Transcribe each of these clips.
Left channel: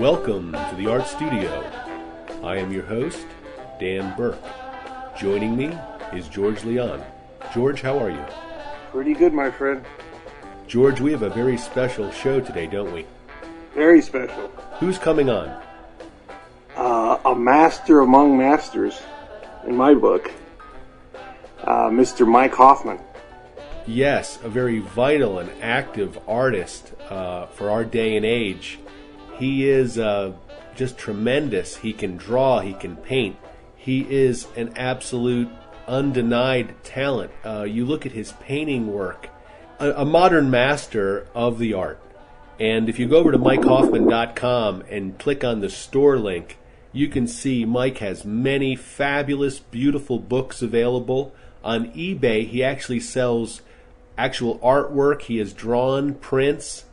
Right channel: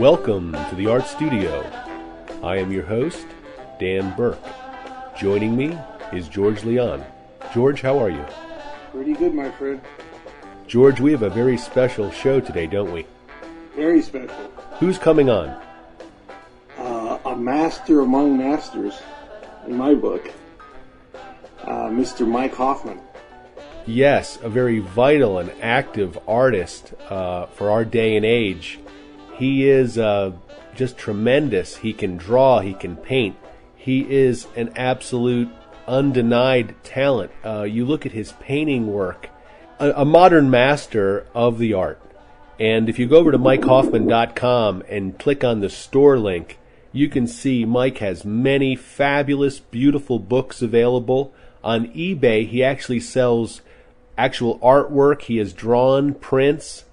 Welcome to the Art Studio. I am your host, Dan Burke. Joining me is George Leon. George, how are you? Pretty good, my friend. George, we have a very special show today, don't we? Very special. Who's coming on? A master among masters, in my book, Mr. Mike Hoffman. Yes, a very vital and active artist for our day and age. He is just tremendous. He can draw, he can paint. He is an absolute, undenied talent. You look at his painting work, a modern master of the art. And if you go over to MikeHoffman.com and click on the store link, you can see Mike has many fabulous, beautiful books available. On eBay, he actually sells actual artwork. He has drawn prints,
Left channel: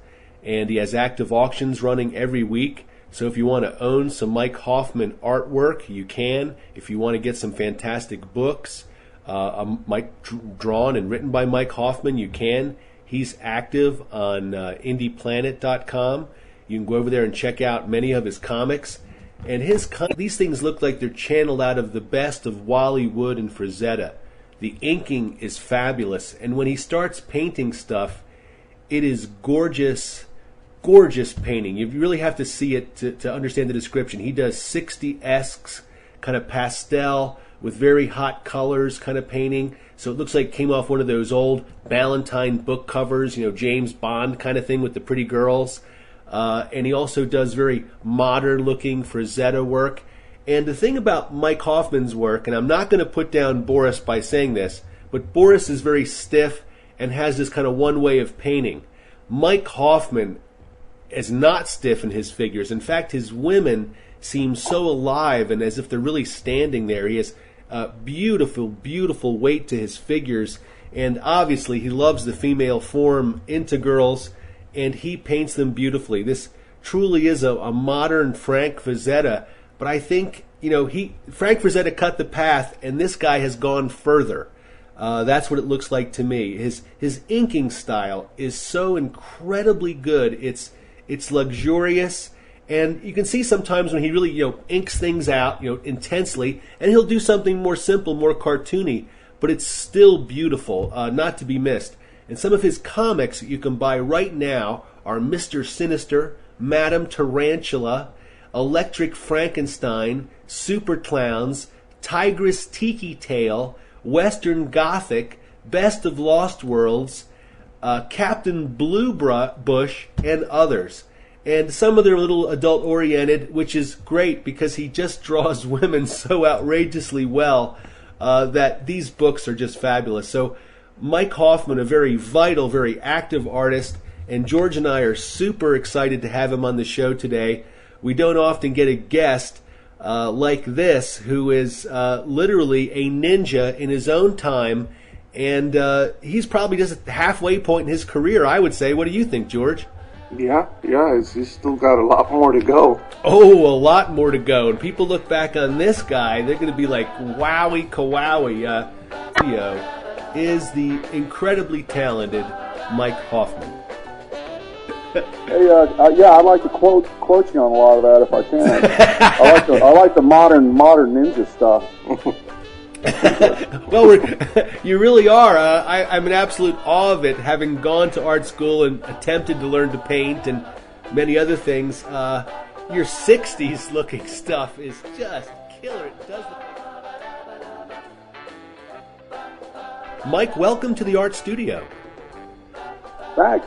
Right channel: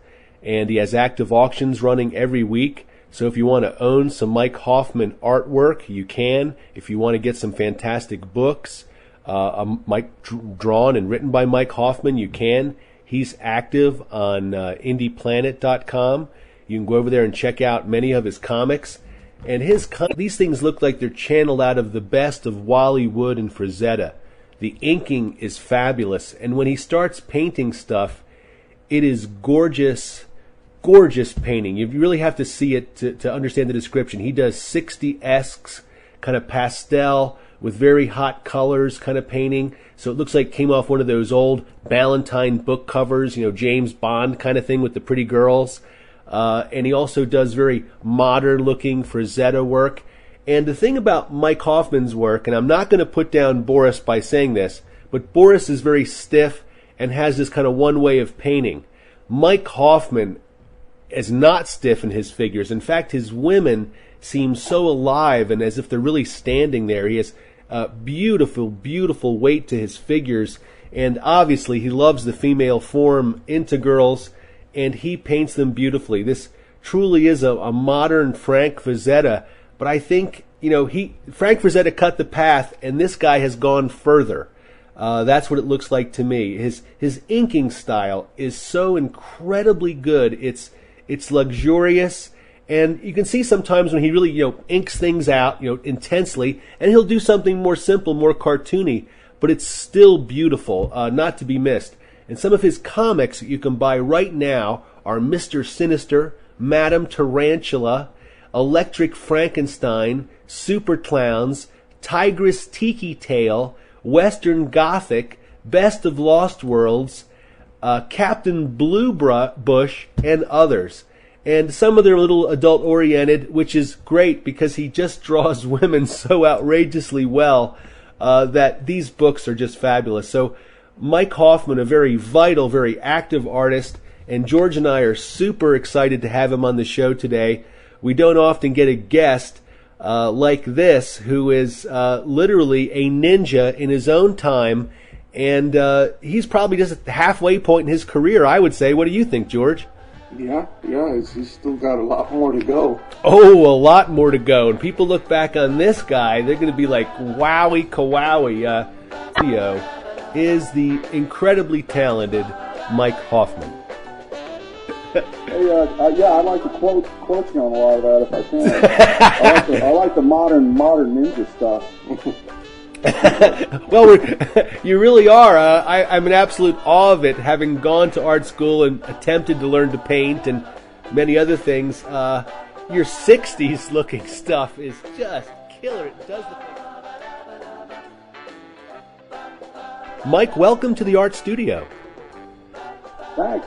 and he has active auctions running every week. So if you want to own some Mike Hoffman artwork, you can. If you want to get some fantastic books, drawn and written by Mike Hoffman, you can. He's active on IndiePlanet.com. You can go over there and check out many of his comics. And these things look like they're channeled out of the best of Wally Wood and Frazetta. The inking is fabulous. And when he starts painting stuff, it is gorgeous, gorgeous painting. You really have to see it to understand the description. He does 60-esque kind of pastel with very hot colors kind of painting. So it looks like it came off one of those old Ballantine book covers, James Bond kind of thing with the pretty girls. And he also does very modern-looking Frazetta work. And the thing about Mike Hoffman's work, and I'm not going to put down Boris by saying this, but Boris is very stiff and has this kind of one way of painting. Mike Hoffman is not stiff in his figures. In fact, his women seem so alive and as if they're really standing there. He has beautiful, beautiful weight to his figures. And obviously, he loves the female form into girls, and he paints them beautifully. This truly is a modern Frank Frazetta, but I think, Frank Frazetta cut the path, and this guy has gone further. That's what it looks like to me. His inking style is so incredibly good. It's luxurious, and you can see sometimes when he really, inks things out, intensely, and he'll do something more simple, more cartoony, but it's still beautiful, not to be missed. And some of his comics that you can buy right now are Mr. Sinister, Madame Tarantula, Electric Frankenstein, Super Clowns, Tigress Tiki Tale, Western Gothic, Best of Lost Worlds, Captain Blue Bush, and others. And some of them are a little adult-oriented, which is great because he just draws women so outrageously well that these books are just fabulous. So Mike Hoffman, a very vital, very active artist, and George and I are super excited to have him on the show today. We don't often get a guest like this who is literally a ninja in his own time, and he's probably just at the halfway point in his career, I would say. What do you think, George? Yeah, he's still got a lot more to go. Oh, a lot more to go. And people look back on this guy, they're going to be like, wowie, kawowie. Theo is the incredibly talented Mike Hoffman. Hey, I'd like to quote you on a lot of that if I can. I like the modern ninja stuff. Well, you really are. I'm in absolute awe of it, having gone to art school and attempted to learn to paint and many other things. Your 60s looking stuff is just killer. It does Mike, welcome to the Art Studio. Thanks.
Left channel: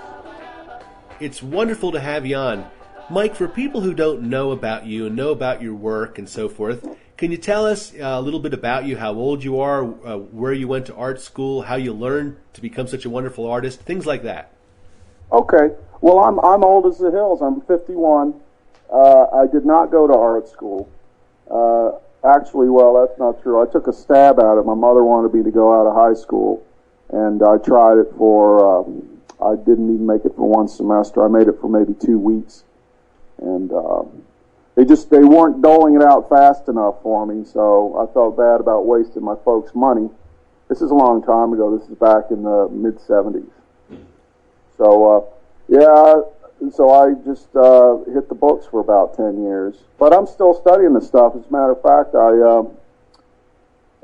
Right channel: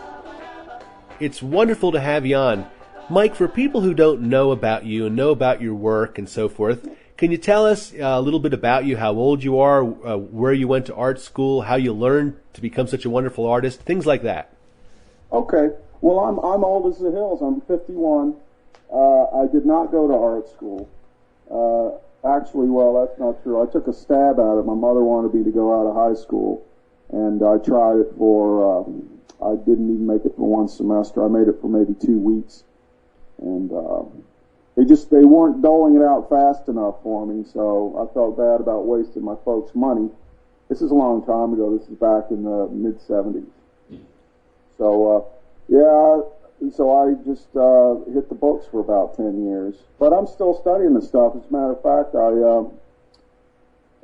It's wonderful to have you on. Mike, for people who don't know about you and know about your work and so forth, can you tell us a little bit about you, how old you are, where you went to art school, how you learned to become such a wonderful artist, things like that? Okay. Well, I'm old as the hills. I'm 51. I did not go to art school. Actually, that's not true. I took a stab at it. My mother wanted me to go out of high school, and I tried it for, I didn't even make it for one semester. I made it for maybe 2 weeks. And they weren't doling it out fast enough for me, so I felt bad about wasting my folks' money. This is a long time ago. This is back in the mid-'70s. So, so I just hit the books for about 10 years. But I'm still studying this stuff. As a matter of fact, I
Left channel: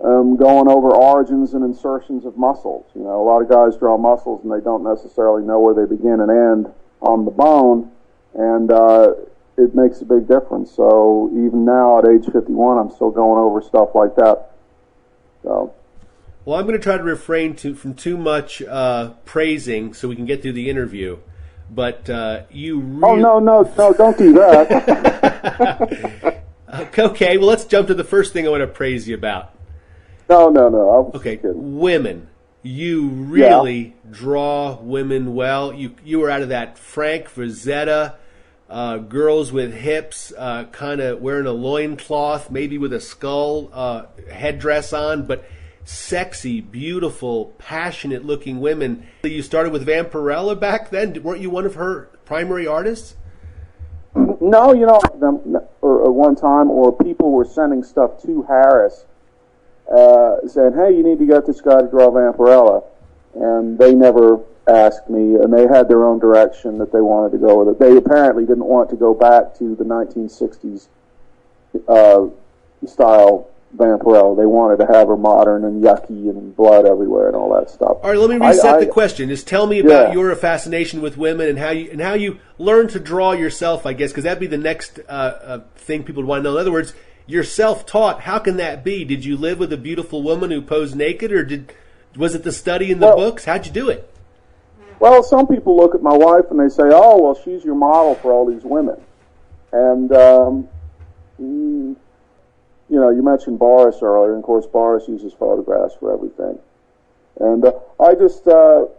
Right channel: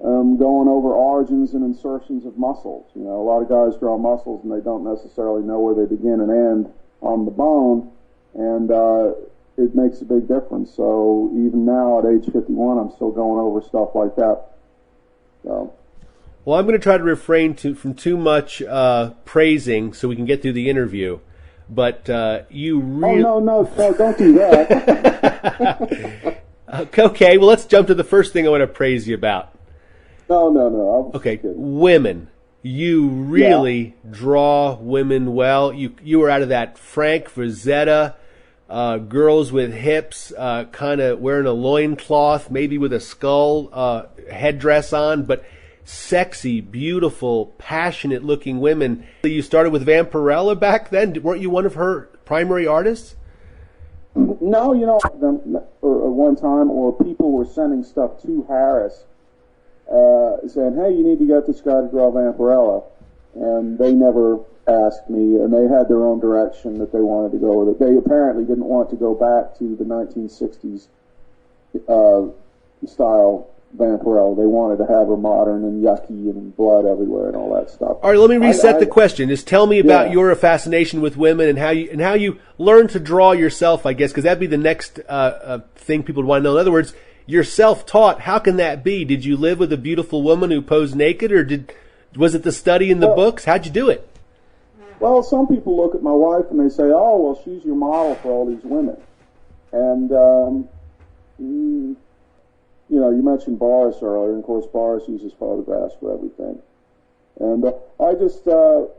am going over origins and insertions of muscles. You know, a lot of guys draw muscles and they don't necessarily know where they begin and end on the bone, and it makes a big difference. So even now at age 51, I'm still going over stuff like that. So. Well, I'm going to try to refrain from too much praising so we can get through the interview. But you really... Oh, no, don't do that. Okay, well, let's jump to the first thing I want to praise you about. No. Okay, women. You really draw women well. You were out of that Frank Frazetta, girls with hips, kind of wearing a loincloth, maybe with a skull headdress on, but sexy, beautiful, passionate-looking women. You started with Vampirella back then. Weren't you one of her primary artists? No, you know, one time, or people were sending stuff to Harris, saying, hey, you need to get this guy to draw Vampirella. And they never asked me, and they had their own direction that they wanted to go with it. They apparently didn't want to go back to the 1960s style Vampirella. They wanted to have her modern and yucky and blood everywhere and all that stuff. All right, let me reset the question. Just tell me about your fascination with women and how you learned to draw yourself, I guess, because that'd be the next thing people would want to know. In other words, you're self-taught. How can that be? Did you live with a beautiful woman who posed naked, or was it the study in the books? How'd you do it? Well, some people look at my wife and they say, oh, well, she's your model for all these women. And, you know, you mentioned Boris earlier, and of course Boris uses photographs for everything. And I just know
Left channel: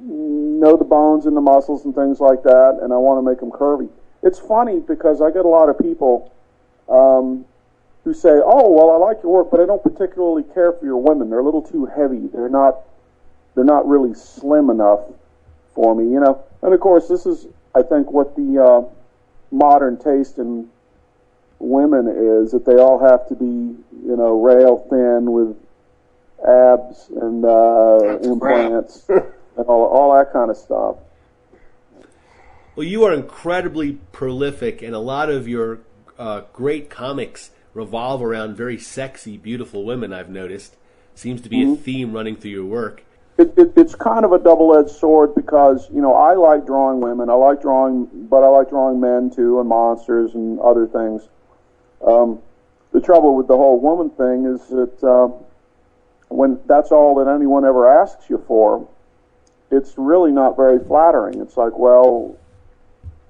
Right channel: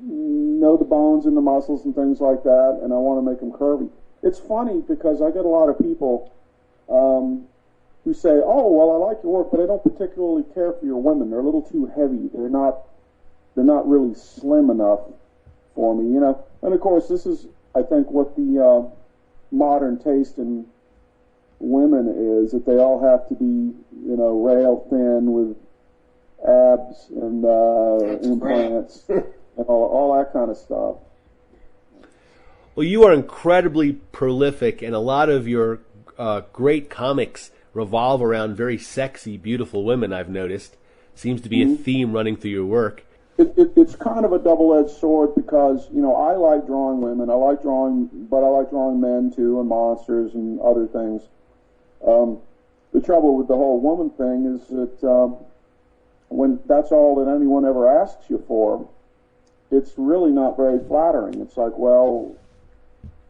the bones and the muscles and things like that, and I want to make them curvy. It's funny because I get a lot of people who say, oh, well, I like your work, but I don't particularly care for your women. They're a little too heavy. They're not really slim enough for me, you know. And of course, this is, I think, what the modern taste in women is, that they all have to be, you know, rail thin with abs and implants and all that kind of stuff. Well, you are incredibly prolific, and a lot of your great comics revolve around very sexy, beautiful women, I've noticed. Seems to be a theme running through your work. It's kind of a double-edged sword because, you know, I like drawing women. I like drawing men, too, and monsters and other things. The trouble with the whole woman thing is that when that's all that anyone ever asks you for, it's really not very flattering. It's like, well,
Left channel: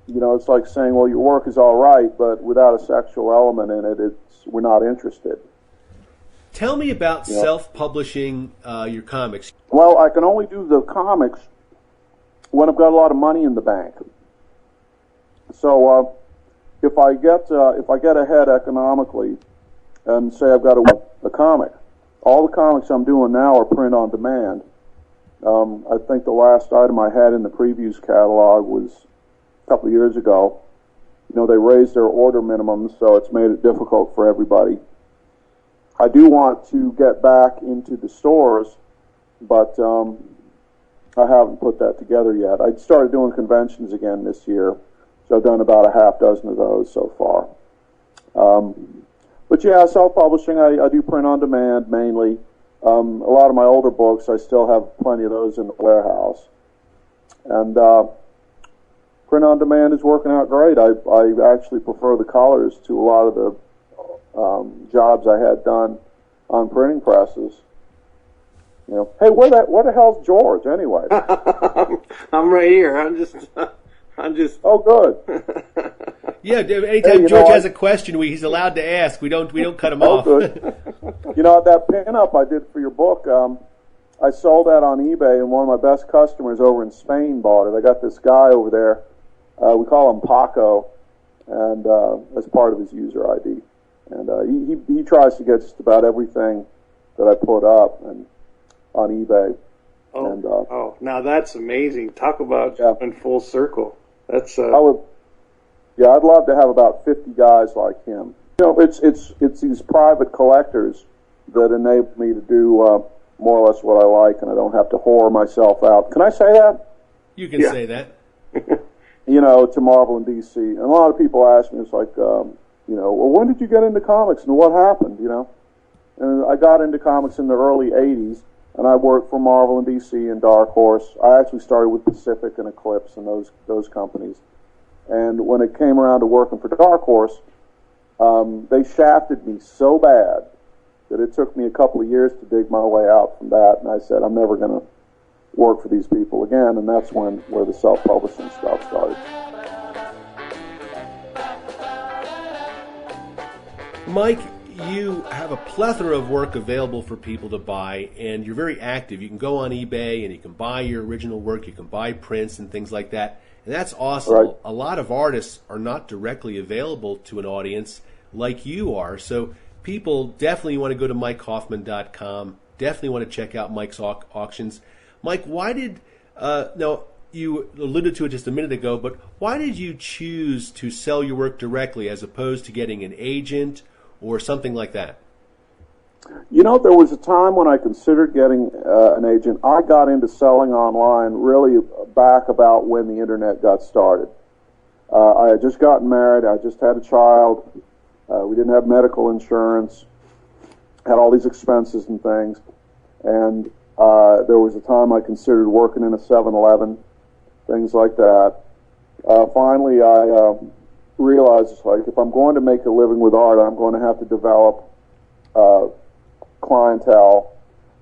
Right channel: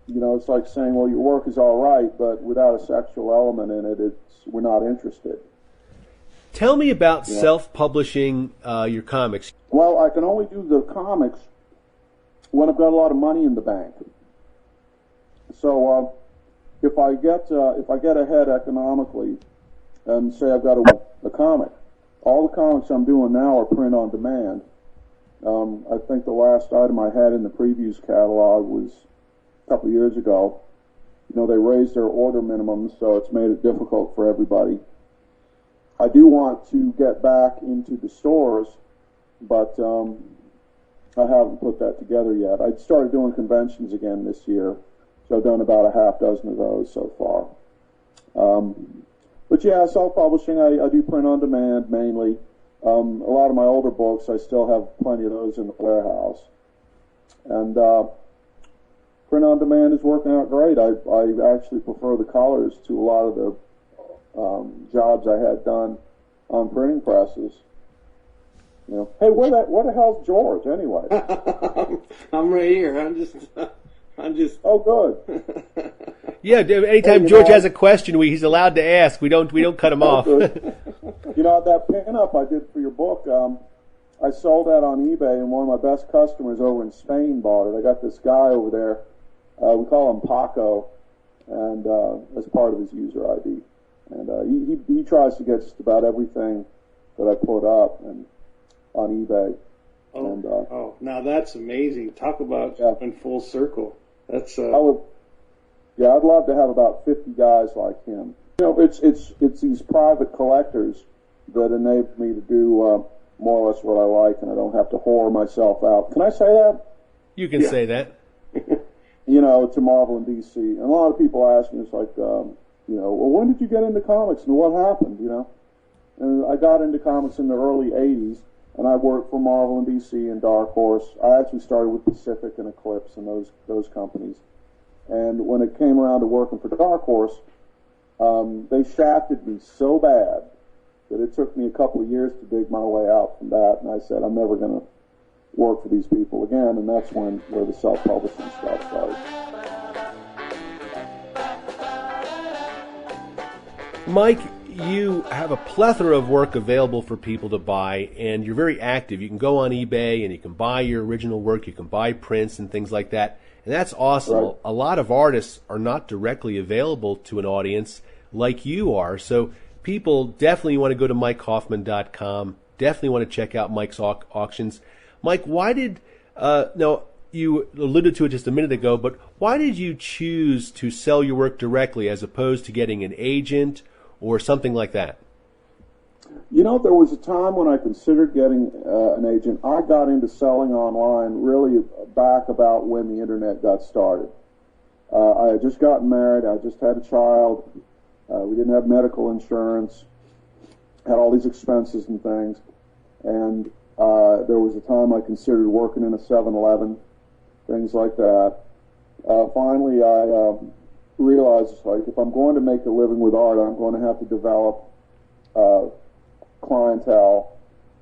you know, it's like saying, well, your work is all right, but without a sexual element in it, we're not interested. Tell me about self-publishing your comics. Well, I can only do the comics when I've got a lot of money in the bank. So if I get ahead economically, and say I've got a comic, all the comics I'm doing now are print on demand. I think the last item I had in the previews catalog was a couple of years ago. You know, they raised their order minimums, so it's made it difficult for everybody. I do want to get back into the stores, but I haven't put that together yet. I started doing conventions again this year, so I've done about a half dozen of those so far. But yeah, self-publishing, I do print on demand mainly. A lot of my older books, I still have plenty of those in the warehouse. And print on demand is working out great. I actually prefer the colors to a lot of the jobs I had done on printing presses. You know, hey, where the hell's George anyway? I'm right here. I'm just. Oh, good. Yeah, anytime George has a question, he's allowed to ask. We don't cut him off. Good. You know, that pinup I did for your book, I sold that on eBay, and one of my best customers over in Spain bought it. I got this guy over there. We call him Paco, and as part of his user ID. And he tries to get just about everything that I put up and on eBay. Oh, now that's amazing. Talk about in full circle. That's I'd love to have about 50 guys like him. You know, it's these private collectors that enable me to do more or less what I like, and I don't have to whore myself out. Can I say that? You can say that. to Marvel and DC. And a lot of people ask me, it's like, well, when did you get into comics and what happened, And I got into comics in the early 80s, and I worked for Marvel and DC and Dark Horse. I actually started with Pacific and Eclipse and those companies. And when it came around to working for Dark Horse, they shafted me so bad that it took me a couple of years to dig my way out from that. And I said, I'm never going to work for these people again. And that's where the self-publishing stuff started. Mike, you have a plethora of work available for people to buy, and you're very active. You can go on eBay and you can buy your original work. You can buy prints and things like that. And that's awesome. Right. A lot of artists are not directly available to an audience like you are. So people definitely want to go to MikeHoffman.com. Definitely want to check out Mike's auctions. Mike, why did, now you alluded to it just a minute ago, but why did you choose to sell your work directly as opposed to getting an agent or something like that? There was a time when I considered getting an agent. I got into selling online really back about when the internet got started. I had just gotten married. I just had a child. We didn't have medical insurance. Had all these expenses and things. And there was a time I considered working in a 7-Eleven, things like that. Finally, I realized, if I'm going to make a living with art, I'm going to have to develop clientele.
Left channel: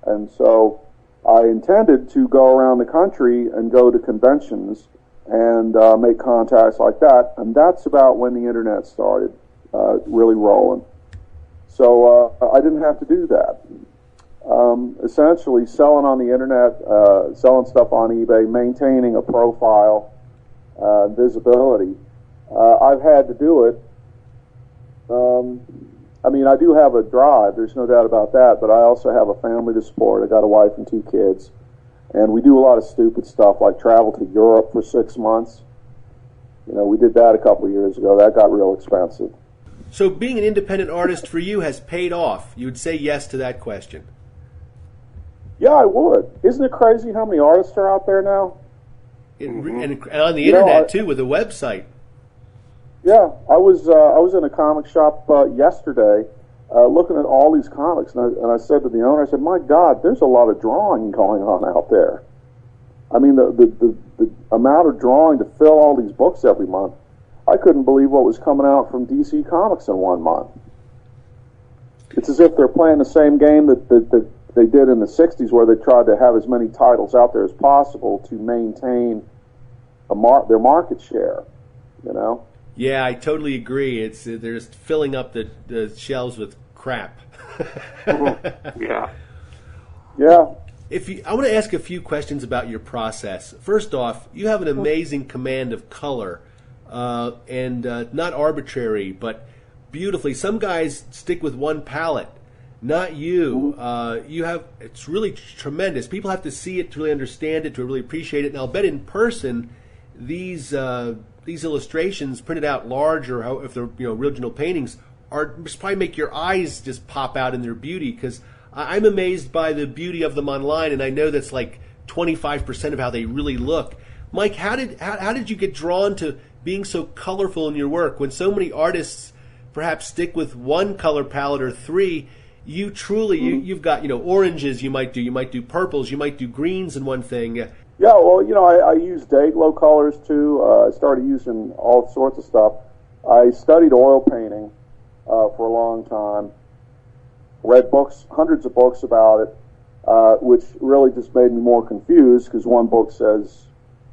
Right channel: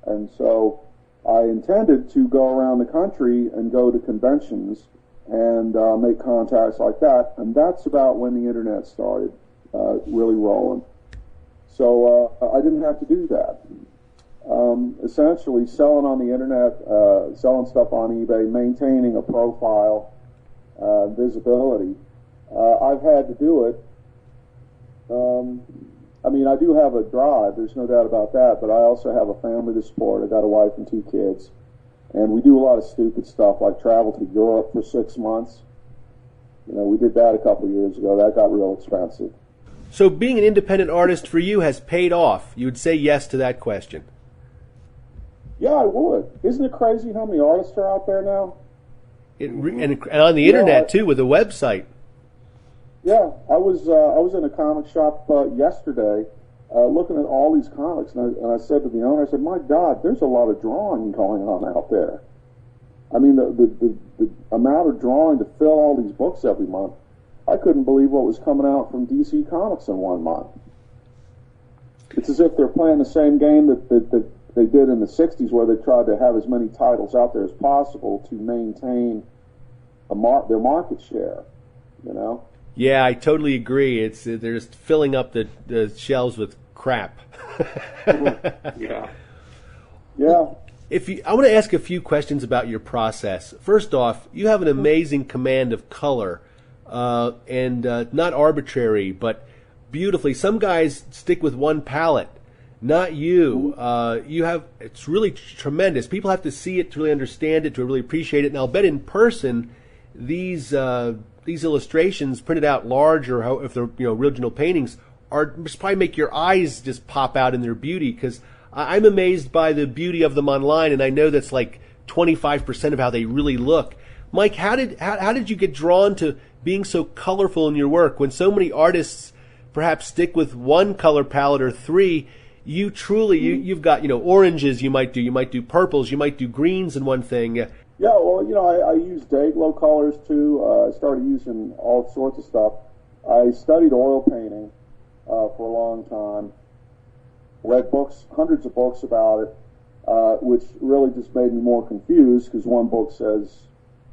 And so I intended to go around the country and go to conventions and make contacts like that. And that's about when the internet started really rolling. So I didn't have to do that. Essentially, selling on the internet, selling stuff on eBay, maintaining a profile, visibility. I've had to do it. I do have a drive, there's no doubt about that, but I also have a family to support. I got a wife and 2 kids. And we do a lot of stupid stuff, like travel to Europe for 6 months. We did that a couple of years ago. That got real expensive. So being an independent artist for you has paid off. You would say yes to that question. Yeah, I would. Isn't it crazy how many artists are out there now? And on the internet, too, with a website. Yeah, I was in a comic shop yesterday looking at all these comics, and I said to the owner, I said, my God, there's a lot of drawing going on out there. I mean, the amount of drawing to fill all these books every month, I couldn't believe what was coming out from DC Comics in 1 month. It's as if they're playing the same game that they did in the 60s, where they tried to have as many titles out there as possible to maintain their market share, Yeah, I totally agree. They're just filling up the shelves with crap. Yeah. Yeah. I want to ask a few questions about your process. First off, you have an amazing command of color, and not arbitrary, but beautifully. Some guys stick with one palette. Not you. It's really tremendous. People have to see it to really understand it, to really appreciate it. And I'll bet in person, these illustrations printed out large, or if they're original paintings, just probably make your eyes just pop out in their beauty. Because I'm amazed by the beauty of them online, and I know that's like 25% of how they really look. Mike, how did you get drawn to being so colorful in your work when so many artists perhaps stick with one color palette or 3? You truly, you've got, oranges you might do purples, you might do greens in one thing. Yeah, well, I use Day-Glo colors too. I started using all sorts of stuff. I studied oil painting for a long time. Read books, hundreds of books about it, which really just made me more confused, because one book says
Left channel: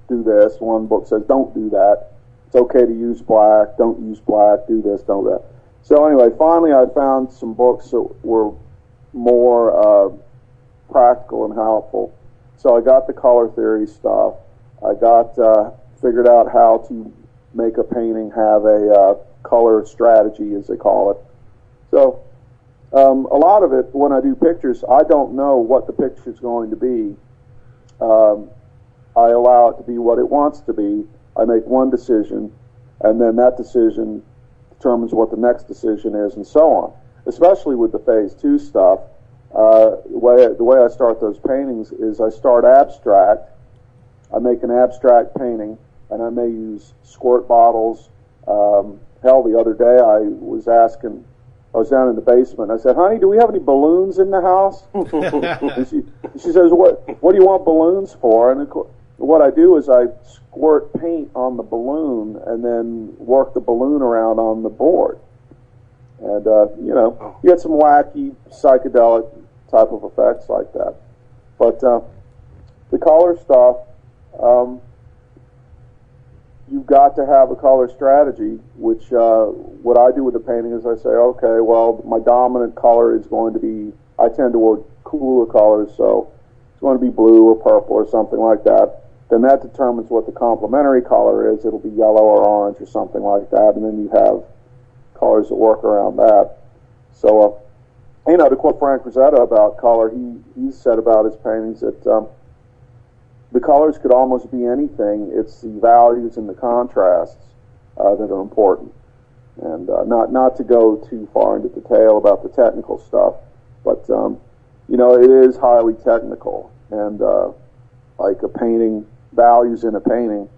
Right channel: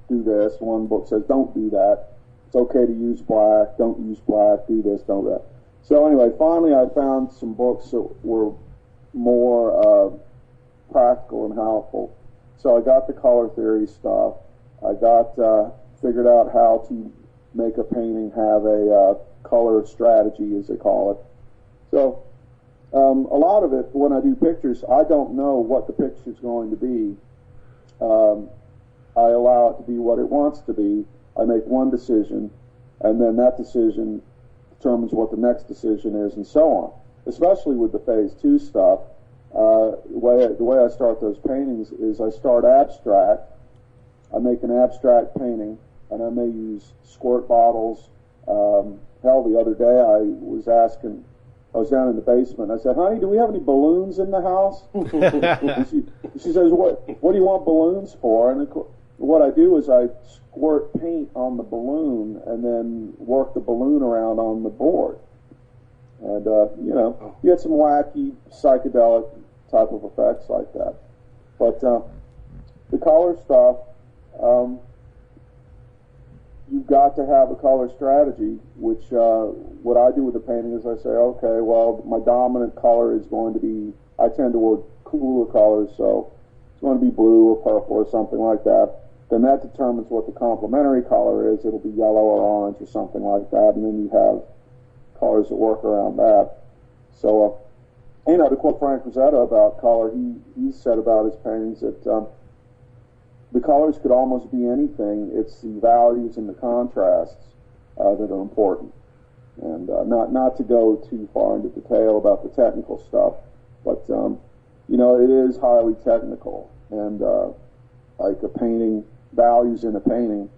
do this, one book says don't do that. It's okay to use black, don't use black, do this, don't do that. So anyway, finally I found some books that were more practical and helpful. So I got the color theory stuff. I figured out how to make a painting have a color strategy, as they call it. So a lot of it, when I do pictures, I don't know what the picture's going to be. I allow it to be what it wants to be. I make one decision, and then that decision determines what the next decision is, and so on. Especially with the Phase 2 stuff, the way I start those paintings is I start abstract. I make an abstract painting, and I may use squirt bottles. Hell, the other day I was down in the basement. I said, "Honey, do we have any balloons in the house?" And she says, "What do you want balloons for?" And of course, what I do is I squirt paint on the balloon and then work the balloon around on the board. And, you get some wacky, psychedelic type of effects like that. But the color stuff, you've got to have a color strategy, which what I do with the painting is I say, okay, well, my dominant color is going to be, I tend toward cooler colors, so it's going to be blue or purple or something like that. Then that determines what the complementary color is. It'll be yellow or orange or something like that, and then you have colors that work around that. So, to quote Frank Rosetta about color, he said about his paintings that the colors could almost be anything. It's the values and the contrasts that are important. And not to go too far into detail about the technical stuff, but it is highly technical. And like a painting, values in a painting,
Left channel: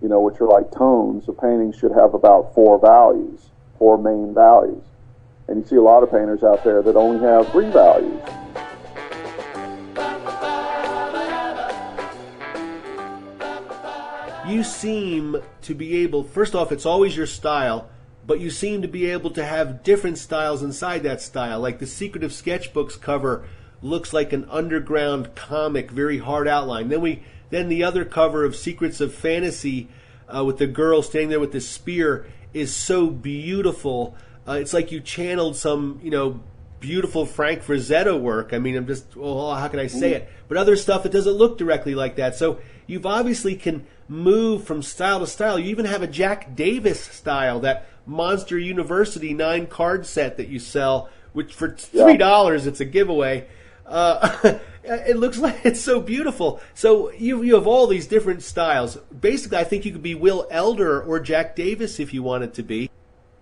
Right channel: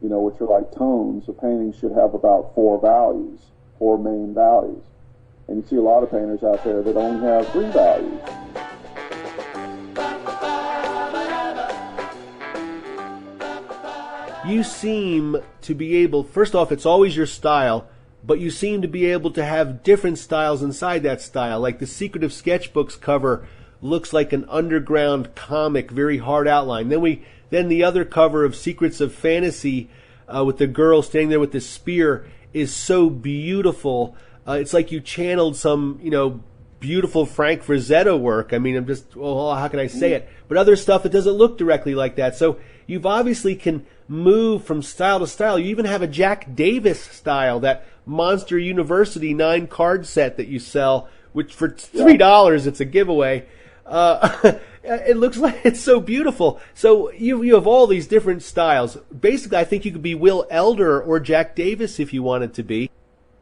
which are like tones, a painting should have about four main values. And you see a lot of painters out there that only have 3 values. You seem to be able, first off, it's always your style, but you seem to be able to have different styles inside that style. Like the Secret of Sketchbooks cover looks like an underground comic, very hard outline. Then the other cover of Secrets of Fantasy with the girl standing there with the spear is so beautiful. It's like you channeled some, beautiful Frank Frazetta work. I mean, how can I say it? But other stuff, it doesn't look directly like that. So you've obviously can move from style to style. You even have a Jack Davis style, that Monster University 9-card set that you sell, which for $3, it's a giveaway. It looks like it's so beautiful. So you have all these different styles. Basically, I think you could be Will Elder or Jack Davis if you wanted to be.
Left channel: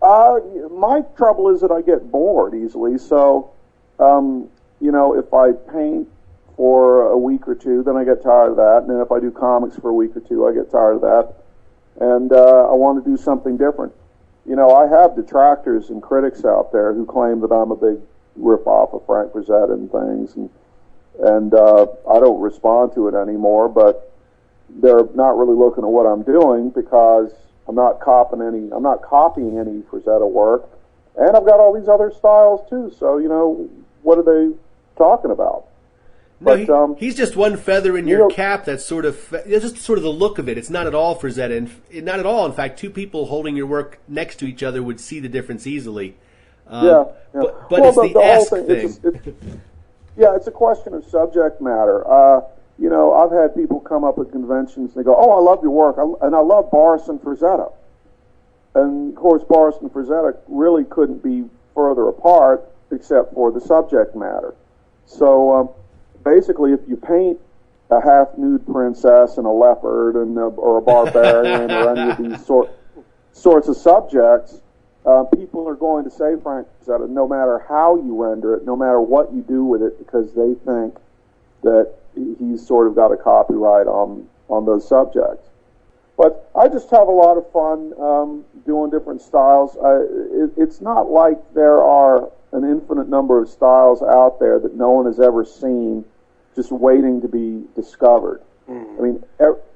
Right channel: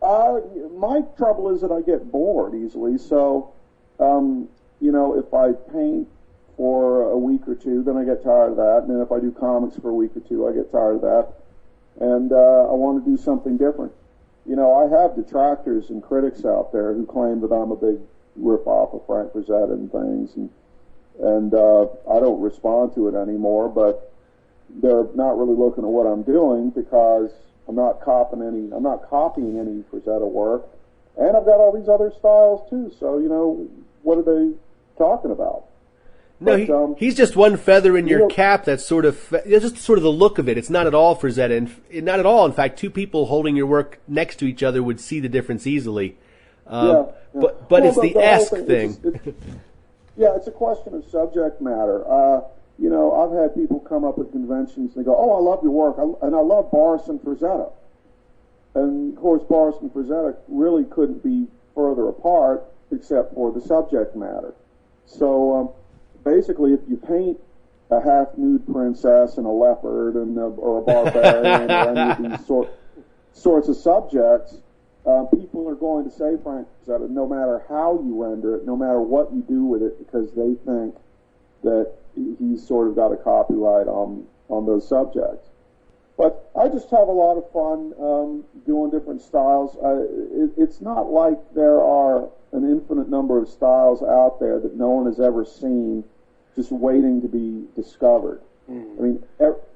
My trouble is that I get bored easily. So, if I paint for a week or two, then I get tired of that. And then if I do comics for a week or two, I get tired of that. And I want to do something different. I have detractors and critics out there who claim that I'm a big rip-off of Frank Frazetta and things. And I don't respond to it anymore, but they're not really looking at what I'm doing because I'm not copying any Frazetta work, and I've got all these other styles too. So what are they talking about? No, he's just one feather in your cap. That's it's just sort of the look of it. It's not at all Frazetta, and not at all. In fact, two people holding your work next to each other would see the difference easily. But it's the esque thing. It's a question of subject matter. I've had people come up at conventions and they go, "Oh, I love your work, and I love Boris and Frazetta." And of course, Boris and Frazetta really couldn't be further apart except for the subject matter. So basically, if you paint a half-nude princess and a leopard or a barbarian or any of these sorts of subjects, people are going to say Frank Frazetta no matter how you render it, no matter what you do with it, because they think that he's sort of got a copyright on those subjects. But I just have a lot of fun doing different styles. It's not like there are an infinite number of styles out there that no one has ever seen, just waiting to be discovered. I mean,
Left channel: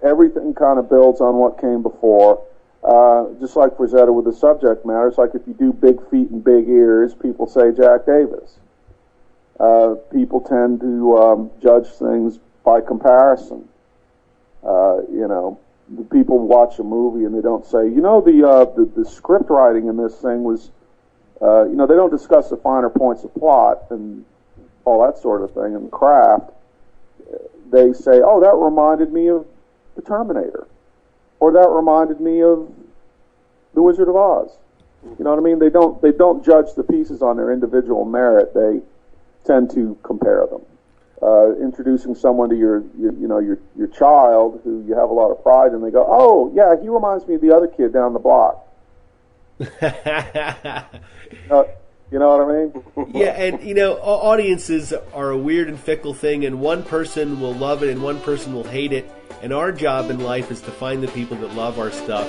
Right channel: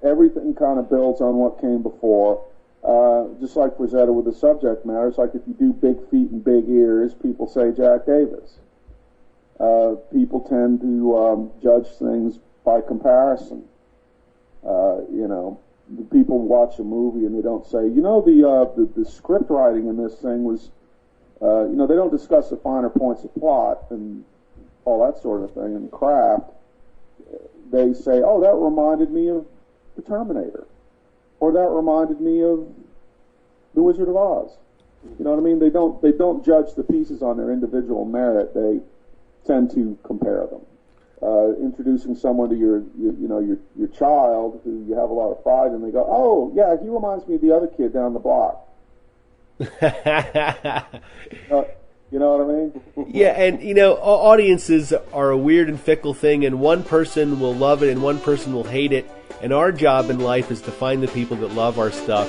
everything kind of builds on what came before. Just like Frazetta with the subject matter, it's like if you do big feet and big ears, people say Jack Davis. People tend to judge things by comparison. The people watch a movie and they don't say, the script writing in this thing was, they don't discuss the finer points of plot and all that sort of thing and craft. They say, oh, that reminded me of The Terminator, or that reminded me of The Wizard of Oz. You know what I mean? They don't judge the pieces on their individual merit. They tend to compare them. Introducing someone to your child who you have a lot of pride in, they go, oh yeah, he reminds me of the other kid down the block. You know what I mean? Yeah, and audiences are a weird and fickle thing, and one person will love it and one person will hate it. And our job in life is to find the people that love our stuff.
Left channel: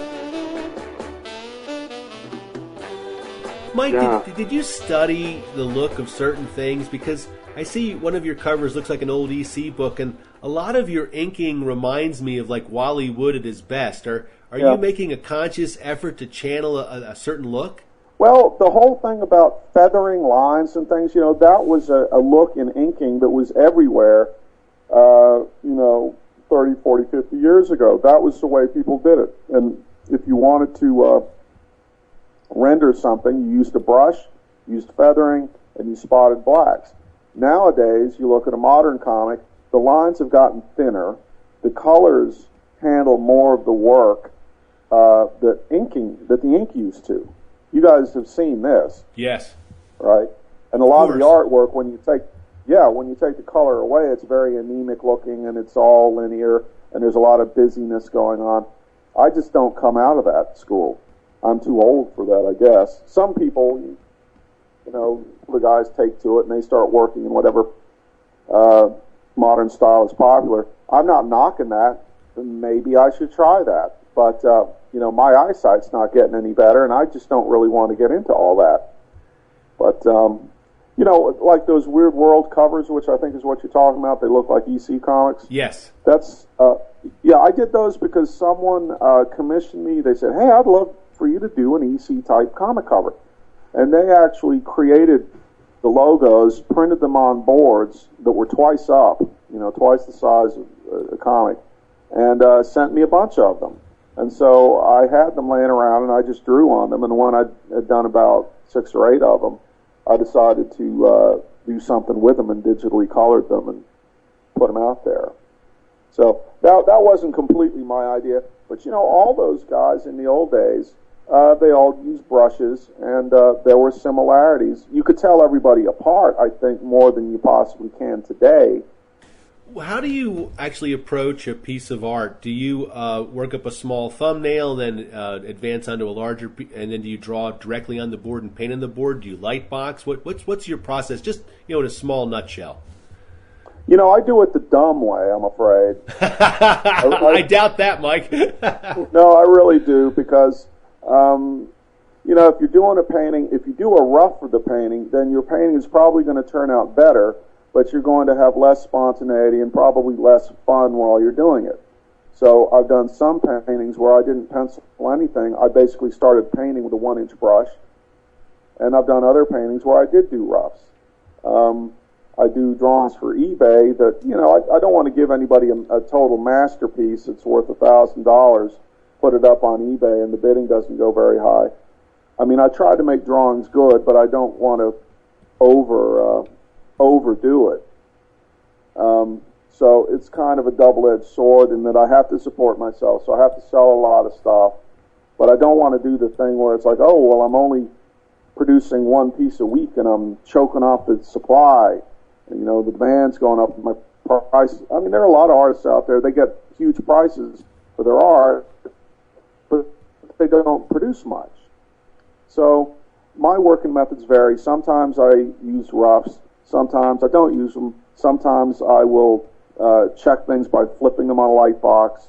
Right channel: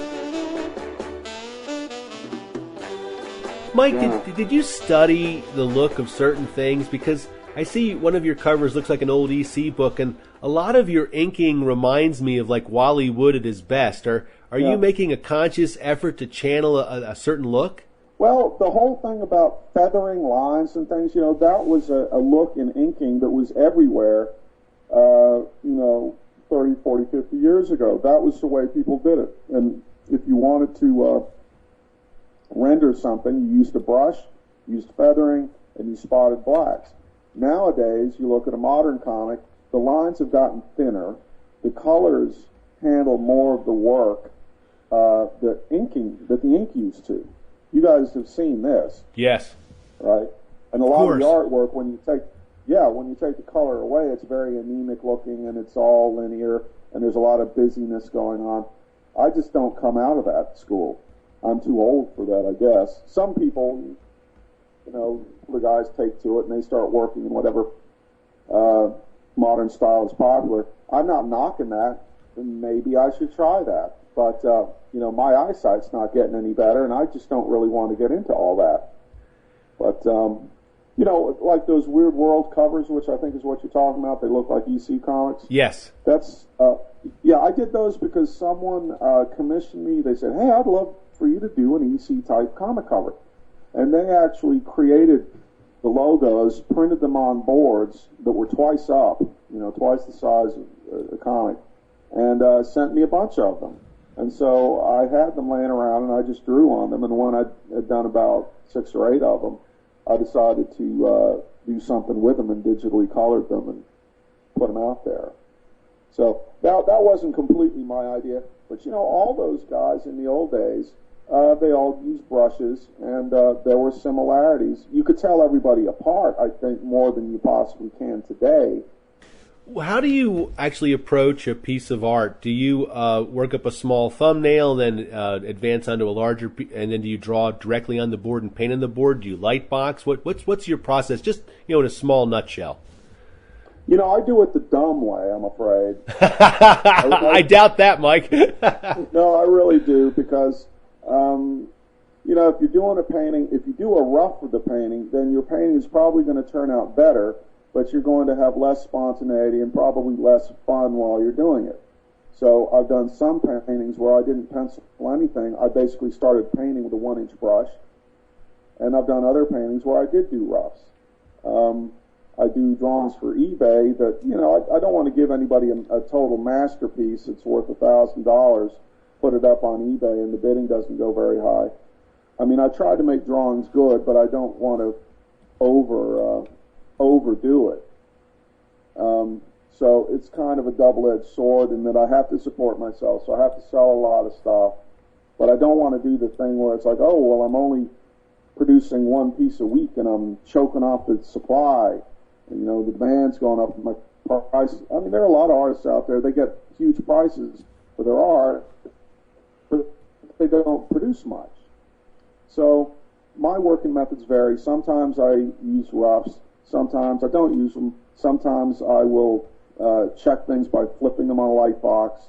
Mike, did you study the look of certain things? Because I see one of your covers looks like an old EC book, and a lot of your inking reminds me of like Wally Wood at his best. Are you making a conscious effort to channel a certain look? Well, the whole thing about feathering lines and things, that was a look in inking that was everywhere, 30, 40, 50 years ago. That was the way people did it. And if you wanted to render something, you used a brush, used feathering, and you spotted blacks. Nowadays, you look at a modern comic, the lines have gotten thinner, the colors handle more of the work that the ink used to. You guys have seen this. Yes. Right? And a lot of the artwork, when you take the color away, it's very anemic looking and it's all linear and there's a lot of busyness going on. I just don't come out of that school. I'm too old for that, I guess. Some people, the guys take to it and they start working in whatever modern style is popular. I'm not knocking that. Maybe I should try that. But, my eyesight's not getting any better, and I just don't really want to get into all that. But, like those Weird World covers, which I think is what you're talking about, they look like EC comics. Yes. That's, I did those because someone commissioned me. They said, hey, I'd love for you to do an EC-type comic cover. And they actually created the logos, printed them on boards that were twice up, twice the size of a comic, and sent me a bunch of them. And so I had them laying around, and I just drew on them. And when I had done about 6 or 8 of them, I decided to do something with them and digitally colored them and put them out there. So that wasn't completely my idea. But, all those guys in the old days, they all used brushes, and there were similarities. You could tell everybody apart, I think, more than you possibly can today. How do you actually approach a piece of art? Do you work up a small thumbnail, then advance onto a larger, and then do you draw directly on the board and paint on the board? Do you lightbox? What's your process? Just in a small nutshell. I do it the dumb way, I'm afraid. I doubt that, Mike. No, I really do, because if you're doing a painting, if you do a rough of the painting, then your painting is probably going to turn out better, but you're going to have less spontaneity and probably less fun while you're doing it. So I've done some paintings where I didn't pencil anything. I basically started painting with a 1-inch brush. And I've done other paintings where I did do roughs. I do drawings for eBay that, I don't want to give anybody a total masterpiece that's worth $1,000, put it up on eBay, and the bidding doesn't go very high. I mean, I try to make drawings good, but I don't want to overdo it. So it's kind of a double-edged sword in that I have to support myself, so I have to sell a lot of stuff. But I don't want to do the thing where it's like, oh, well, I'm only producing 1 piece a week and I'm choking off the supply. And, the demand's going up, my price. I mean, there are a lot of artists out there, they get huge prices for their art, but they don't produce much. So my working methods vary. Sometimes I use roughs. Sometimes I don't use them. Sometimes I will check things by flipping them on a light box.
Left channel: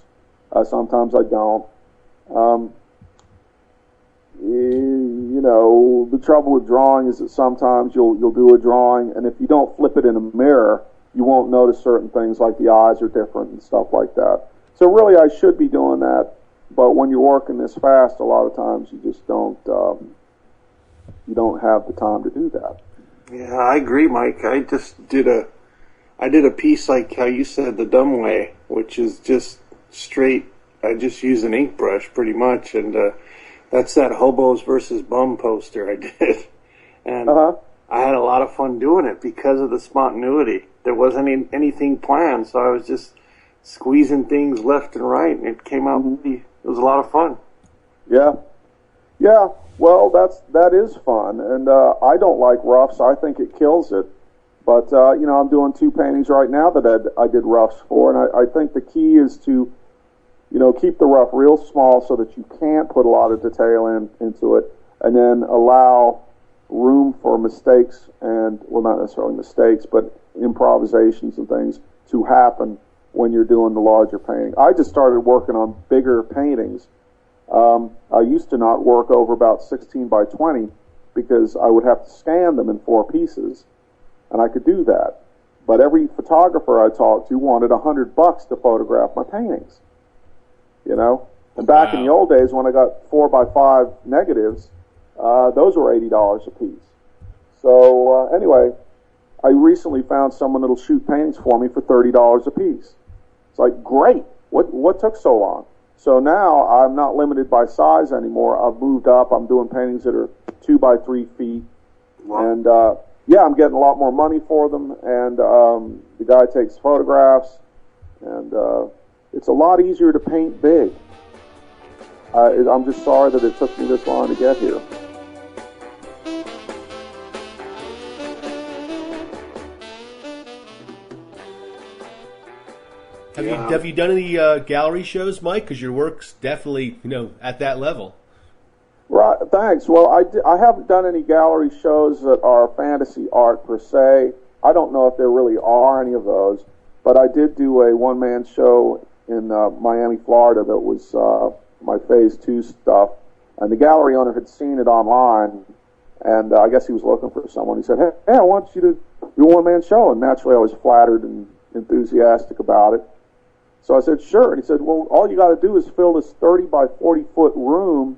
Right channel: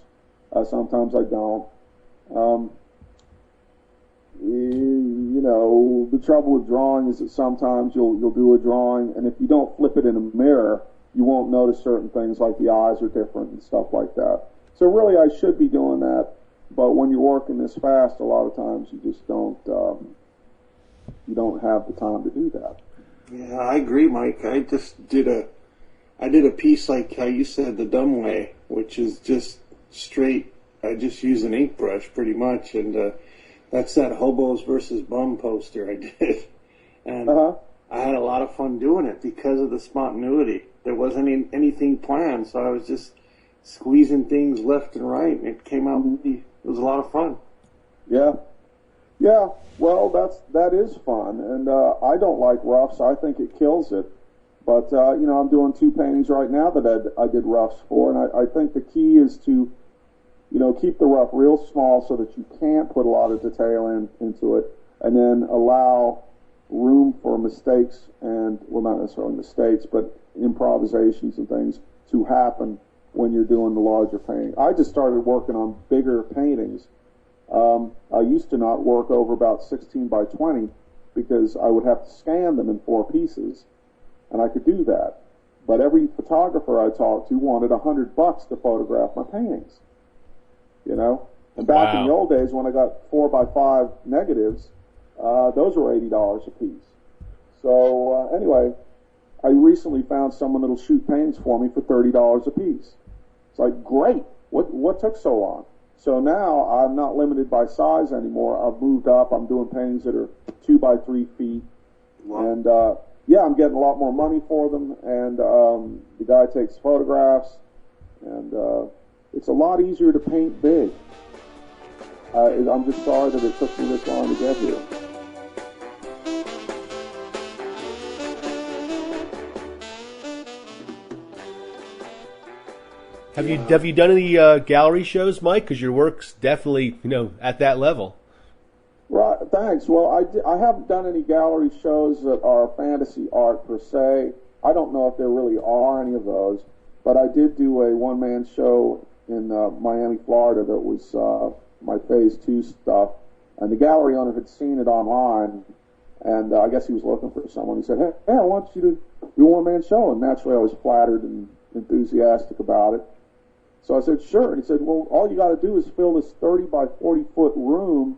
Sometimes I don't. The trouble with drawing is that sometimes you'll do a drawing, and if you don't flip it in a mirror, you won't notice certain things like the eyes are different and stuff like that. So really, I should be doing that, but when you're working this fast, a lot of times you just don't have the time to do that. Yeah, I agree, Mike. I did a piece like how you said, the dumb way, which is just straight. I just use an ink brush pretty much, and that's that hobos versus bum poster I did, and I had a lot of fun doing it because of the spontaneity. There wasn't anything planned, so I was just squeezing things left and right, and it came out. It was a lot of fun. Yeah. Well, that is fun, and I don't like roughs. I think it kills it. But I'm doing 2 paintings right now that I did roughs for, and I think the key is to keep the rough real small so that you can't put a lot of detail into it, and then allow room for mistakes and, well, not necessarily mistakes, but improvisations and things to happen when you're doing the larger painting. I just started working on bigger paintings. I used to not work over about 16 by 20 because I would have to scan them in 4 pieces, and I could do that. But every photographer I talked to wanted $100 to photograph my paintings, you know? And back in the old days when I got 4 by 5 negatives, those were $80 a piece. So anyway, I recently found someone that'll shoot paintings for me for $30 a piece. It's like, great. What took so long? So now I'm not limited by size anymore. I've moved up. I'm doing paintings that are 2 by 3 feet. Wow. And yeah, I'm getting a lot more money for them. And the guy takes photographs. And it's a lot easier to paint big. I'm just sorry that it took me this long to get here. Have you done any gallery shows, Mike? Because your work's definitely, at that level. Right. Thanks. Well, I haven't done any gallery shows that are fantasy art per se. I don't know if there really are any of those, but I did do a one-man show in Miami, Florida that was my Phase 2 stuff, and the gallery owner had seen it online, and I guess he was looking for someone. He said, hey, I want you to do a one-man show, and naturally I was flattered and enthusiastic about it. So I said, sure. And he said, well, all you got to do is fill this 30 by 40 foot room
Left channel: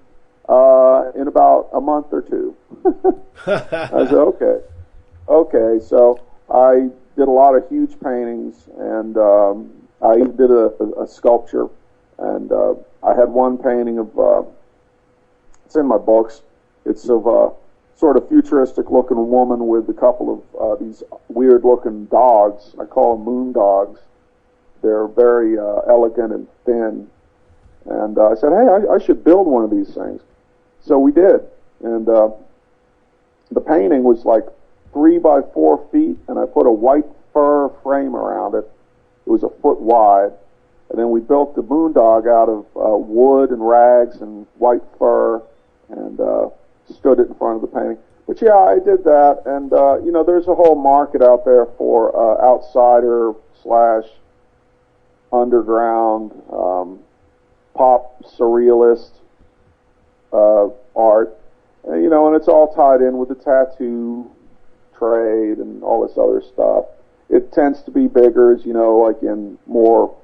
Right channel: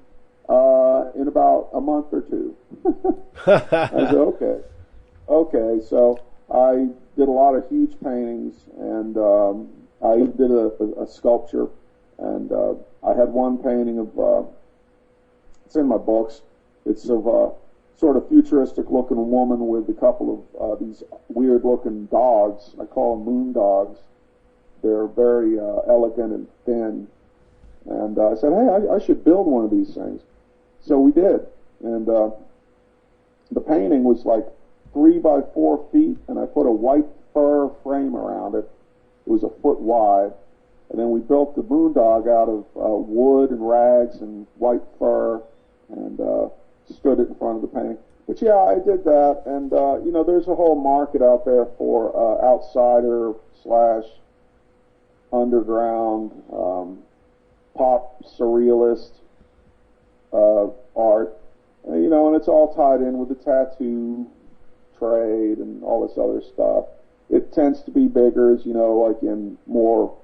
in about a month or 2. I said, okay. Okay, so I did a lot of huge paintings, and I even did a sculpture, and I had one painting of, it's in my books, it's of a sort of futuristic looking woman with a couple of these weird looking dogs. I call them moon dogs. They're very elegant and thin. And I said, hey, I should build one of these things. So we did. And the painting was like 3 by 4 feet, and I put a white fur frame around it. It was a foot wide. And then we built the moondog out of wood and rags and white fur, and stood it in front of the painting. But yeah, I did that. And, there's a whole market out there for outsider / underground pop surrealist art. And it's all tied in with the tattoo trade and all this other stuff. It tends to be bigger, like in more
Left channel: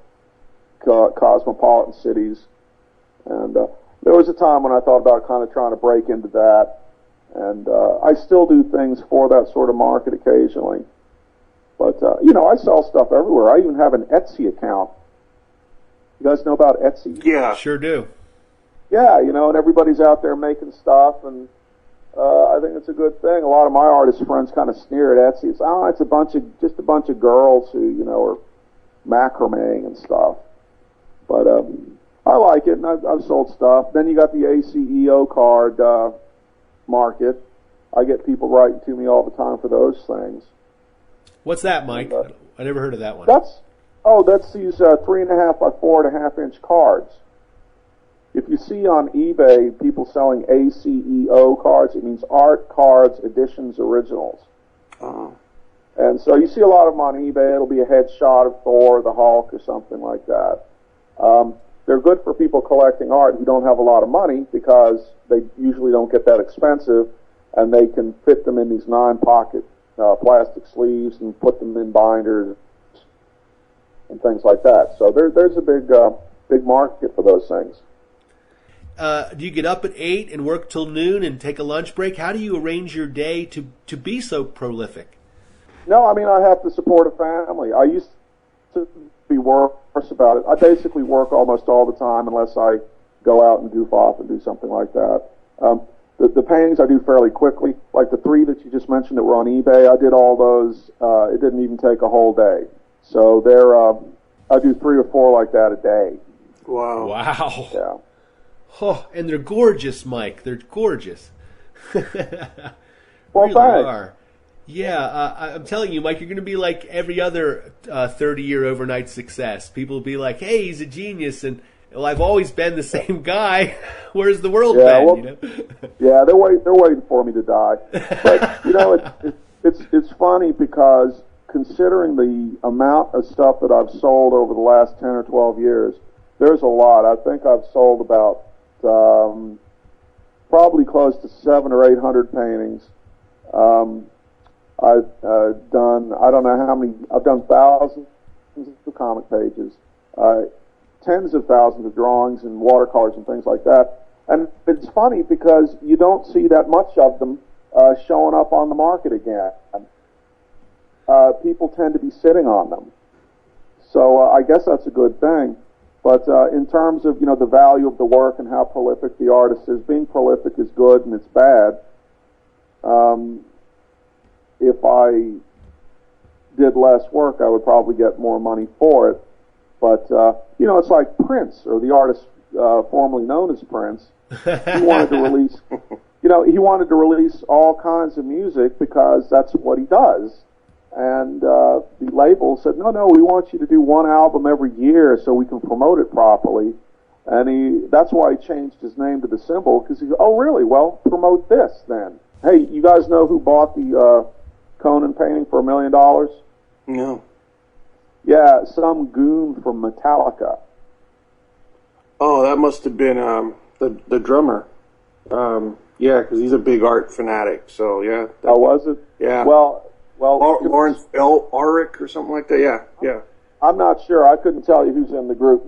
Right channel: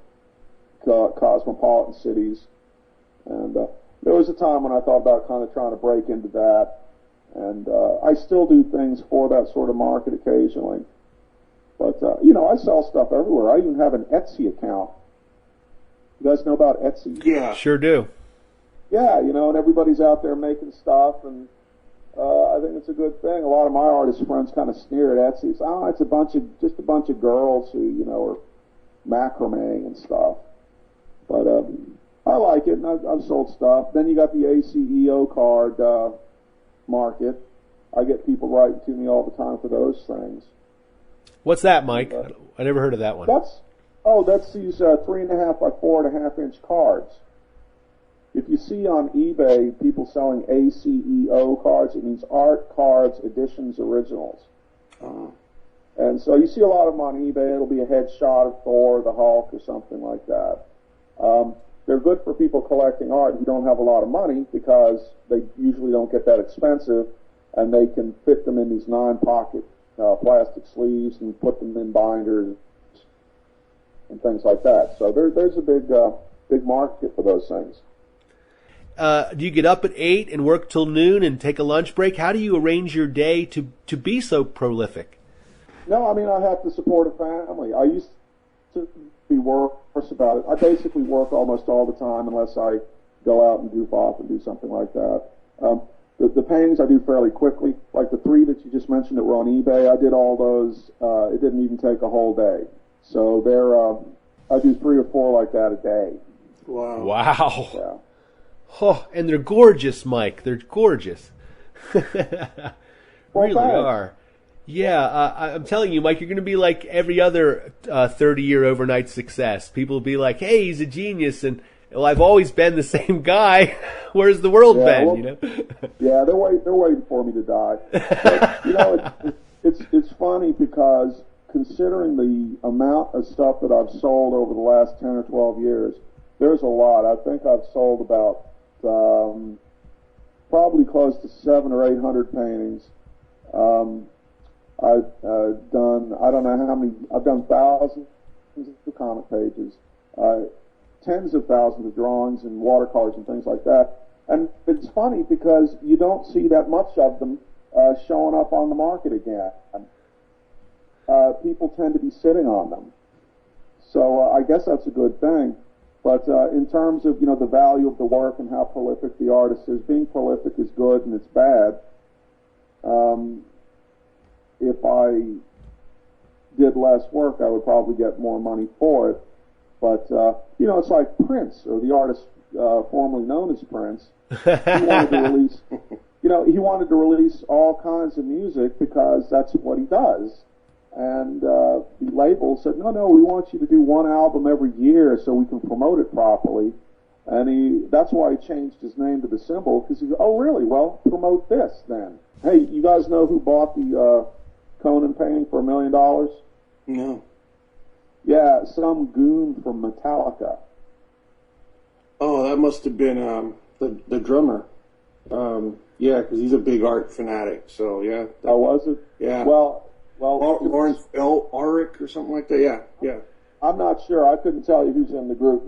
cosmopolitan cities. And there was a time when I thought about kind of trying to break into that. And I still do things for that sort of market occasionally. But, I sell stuff everywhere. I even have an Etsy account. You guys know about Etsy? Yeah. Sure do. Yeah, and everybody's out there making stuff, and I think it's a good thing. A lot of my artist friends kind of sneer at Etsy. It's it's just a bunch of girls who, are macrameing and stuff. But I like it, and I've sold stuff. Then you got the ACEO card market. I get people writing to me all the time for those things. What's that, Mike? I never heard of that one. That's these 3.5 by 4.5 inch cards. If you see on eBay people selling ACEO cards, it means Art Cards Editions Originals. And so you see a lot of them on eBay. It'll be a headshot of Thor, the Hulk, or something like that. They're good for people collecting art who don't have a lot of money because they usually don't get that expensive, and they can fit them in these 9-pocket plastic sleeves and put them in binders and things like that. So there's a big market for those things. Do you get up at 8 and work till noon and take a lunch break? How do you arrange your day to be so prolific? No, I have to support a family. I used to be worse about it. I basically work almost all the time unless I go out and goof off and do something like that. The paintings I do fairly quickly, like the 3 that you just mentioned that were on eBay. I did all those. It didn't even take a whole day. So I do 3 or 4 like that a day. Wow. Yeah. Oh, and they're gorgeous, Mike. They're gorgeous. Really are. Yeah, I'm telling you, Mike, you're going to be like every other 30-year overnight success. People will be like, hey, he's a genius, and well, I've always been the same guy. Where's the world been? Well, you know? Yeah, they're waiting for me to die. But, you know, it's funny because considering the amount of stuff that I've sold over the last 10 or 12 years, there's a lot. I think I've sold about probably close to 700 or 800 paintings. I've done, I don't know how many, I've done thousands of comic pages, tens of thousands of drawings and watercolors and things like that. And it's funny because you don't see that much of them showing up on the market again. People tend to be sitting on them. So I guess that's a good thing. But in terms of, you know, the value of the work and how prolific the artist is, being prolific is good and it's bad. If I did less work, I would probably get more money for it. But, you know, it's like Prince, or the artist formerly known as Prince. He wanted to release, you know, he wanted to release all kinds of music because that's what he does. And the label said, no, we want you to do one album every year so we can promote it properly. And that's why he changed his name to The Symbol, because he goes, oh, really? Well, promote this then. Hey, you guys know who bought the Conan painting for $1 million? No. Yeah, some goon from Metallica. Oh, that must have been the drummer. Yeah, because he's a big art fanatic. So yeah. Oh, was it? Yeah. Well, Lawrence L. Ulrich or something like that. Yeah. I'm not sure. I couldn't tell you who's in the group.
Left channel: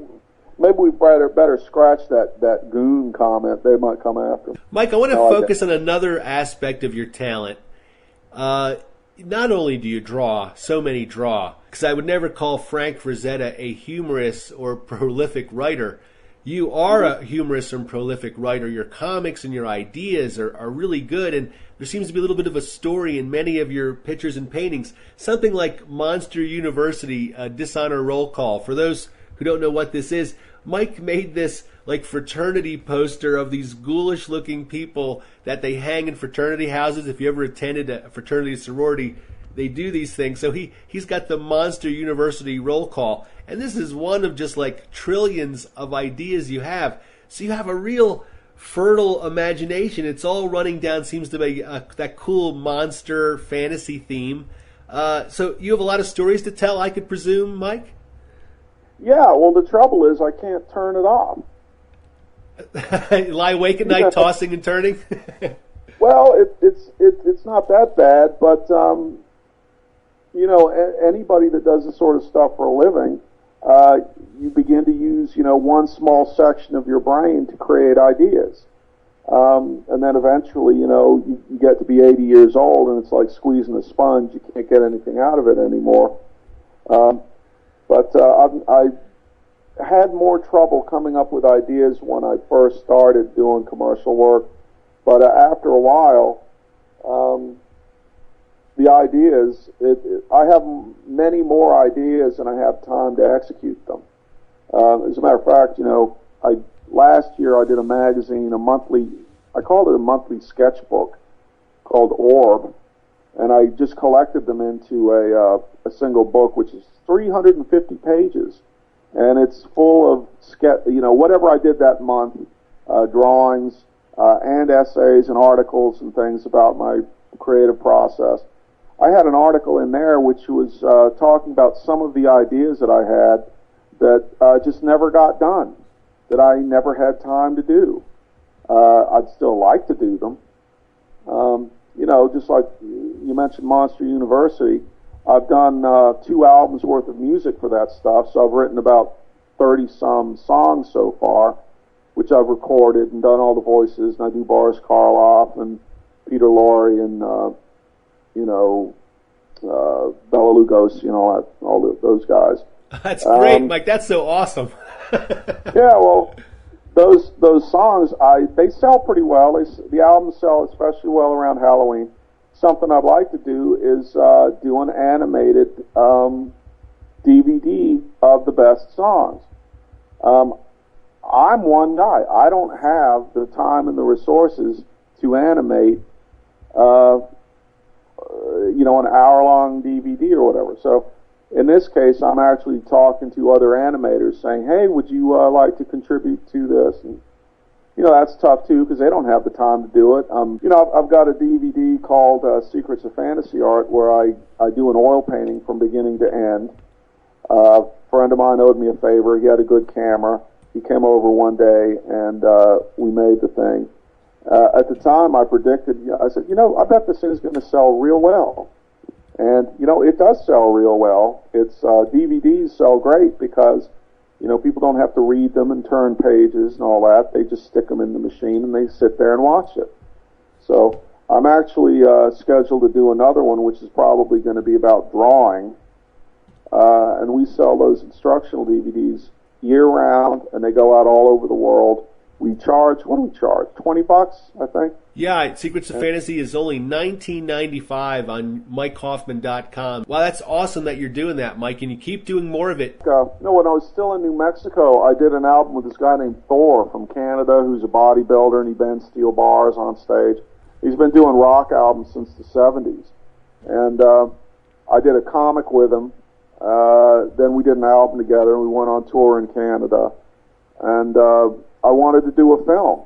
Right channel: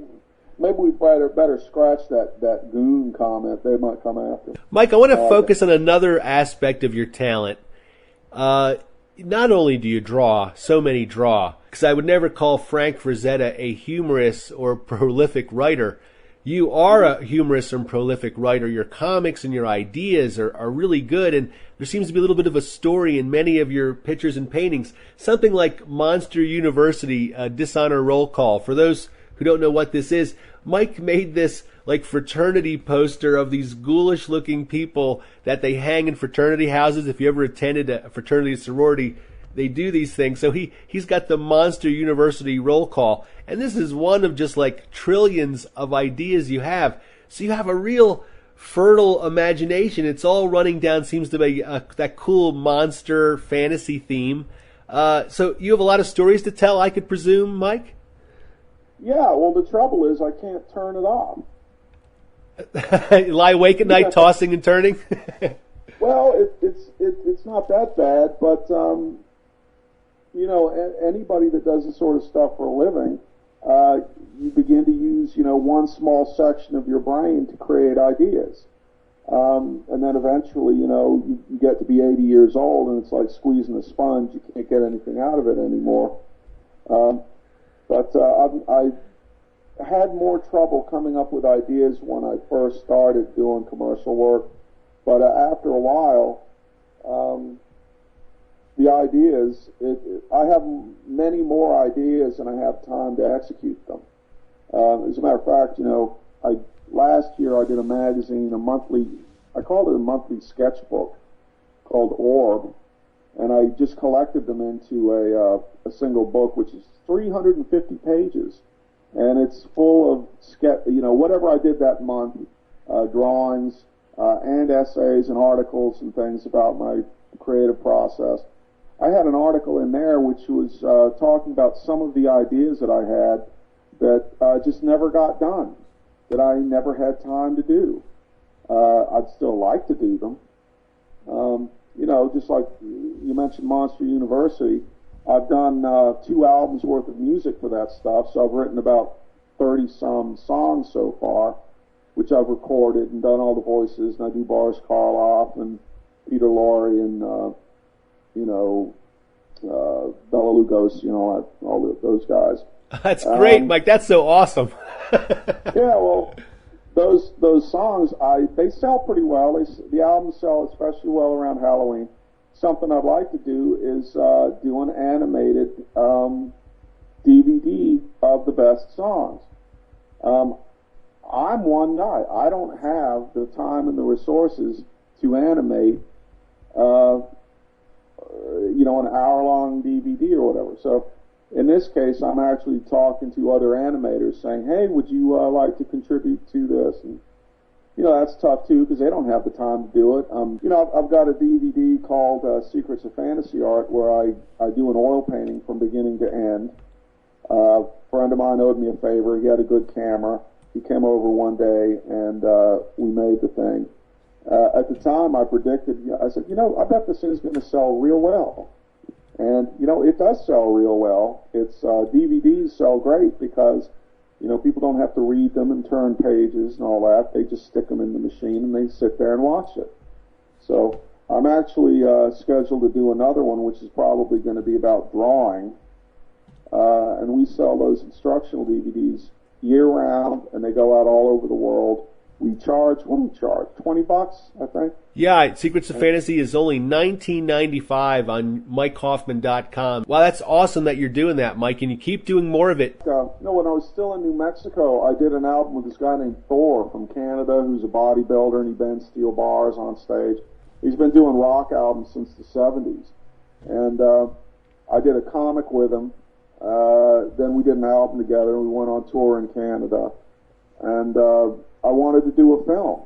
Maybe we better scratch that goon comment. They might come after. Mike, I want to focus on another aspect of your talent. Not only do you draw, so many draw, because I would never call Frank Frazetta a humorous or prolific writer. You are a humorous and prolific writer. Your comics and your ideas are really good, and there seems to be a little bit of a story in many of your pictures and paintings. Something like Monster University, Dishonor Roll Call. For those who don't know what this is, Mike made this like fraternity poster of these ghoulish-looking people that they hang in fraternity houses. If you ever attended a fraternity sorority, they do these things. So he's got the Monster University Roll Call. And this is one of just like trillions of ideas you have. So you have a real fertile imagination. It's all running down, seems to be that cool monster fantasy theme. So you have a lot of stories to tell, I could presume, Mike? Yeah, well, the trouble is I can't turn it off. Lie awake at night, tossing and turning? Well, it's not that bad, but, you know, anybody that does this sort of stuff for a living, you begin to use, you know, one small section of your brain to create ideas. And then eventually, you know, you get to be 80 years old and it's like squeezing a sponge. You can't get anything out of it anymore. But I had more trouble coming up with ideas when I first started doing commercial work. But after a while, the ideas, I have many more ideas than I have time to execute them. As a matter of fact, you know, last year I did a magazine, I called it a monthly sketchbook called Orb, and I just collected them into a single book, which is 350 pages, and it's full of whatever I did that month, drawings and essays and articles and things about my creative process. I had an article in there which was talking about some of the ideas that I had that just never got done, that I never had time to do. I'd still like to do them. You know, just like you mentioned Monster University, I've done 2 albums worth of music for that stuff, so I've written about 30-some songs so far, which I've recorded and done all the voices, and I do Boris Karloff and Peter Lorre and, Bela Lugosi and all those guys. That's great, Mike. That's so awesome. Yeah, well, those songs, they sell pretty well. The albums sell especially well around Halloween. Something I'd like to do is do an animated DVD of the best songs. I'm one guy. I don't have the time and the resources to animate, an hour-long DVD or whatever. So in this case, I'm actually talking to other animators saying, hey, would you like to contribute to this? And, that's tough, too, because they don't have the time to do it. I've got a DVD called Secrets of Fantasy Art where I do an oil painting from beginning to end. A friend of mine owed me a favor. He had a good camera. He came over one day, and we made the thing. At the time, I predicted, I said, I bet this is going to sell real well. And, it does sell real well. Its DVDs sell great because, people don't have to read them and turn pages and all that. They just stick them in the machine and they sit there and watch it. So I'm actually scheduled to do another one, which is probably going to be about drawing. And we sell those instructional DVDs year-round, and they go out all over the world. We charge, what do we charge? $20, I think? Yeah, Secrets of Fantasy is only $19.95 on MikeHoffman.com. Wow, that's awesome that you're doing that, Mike, and you keep doing more of it. When I was still in New Mexico, I did an album with this guy named Thor from Canada, who's a bodybuilder, and he bends steel bars on stage. He's been doing rock albums since the 70s. And I did a comic with him. Then we did an album together, and we went on tour in Canada. And I wanted to do a film,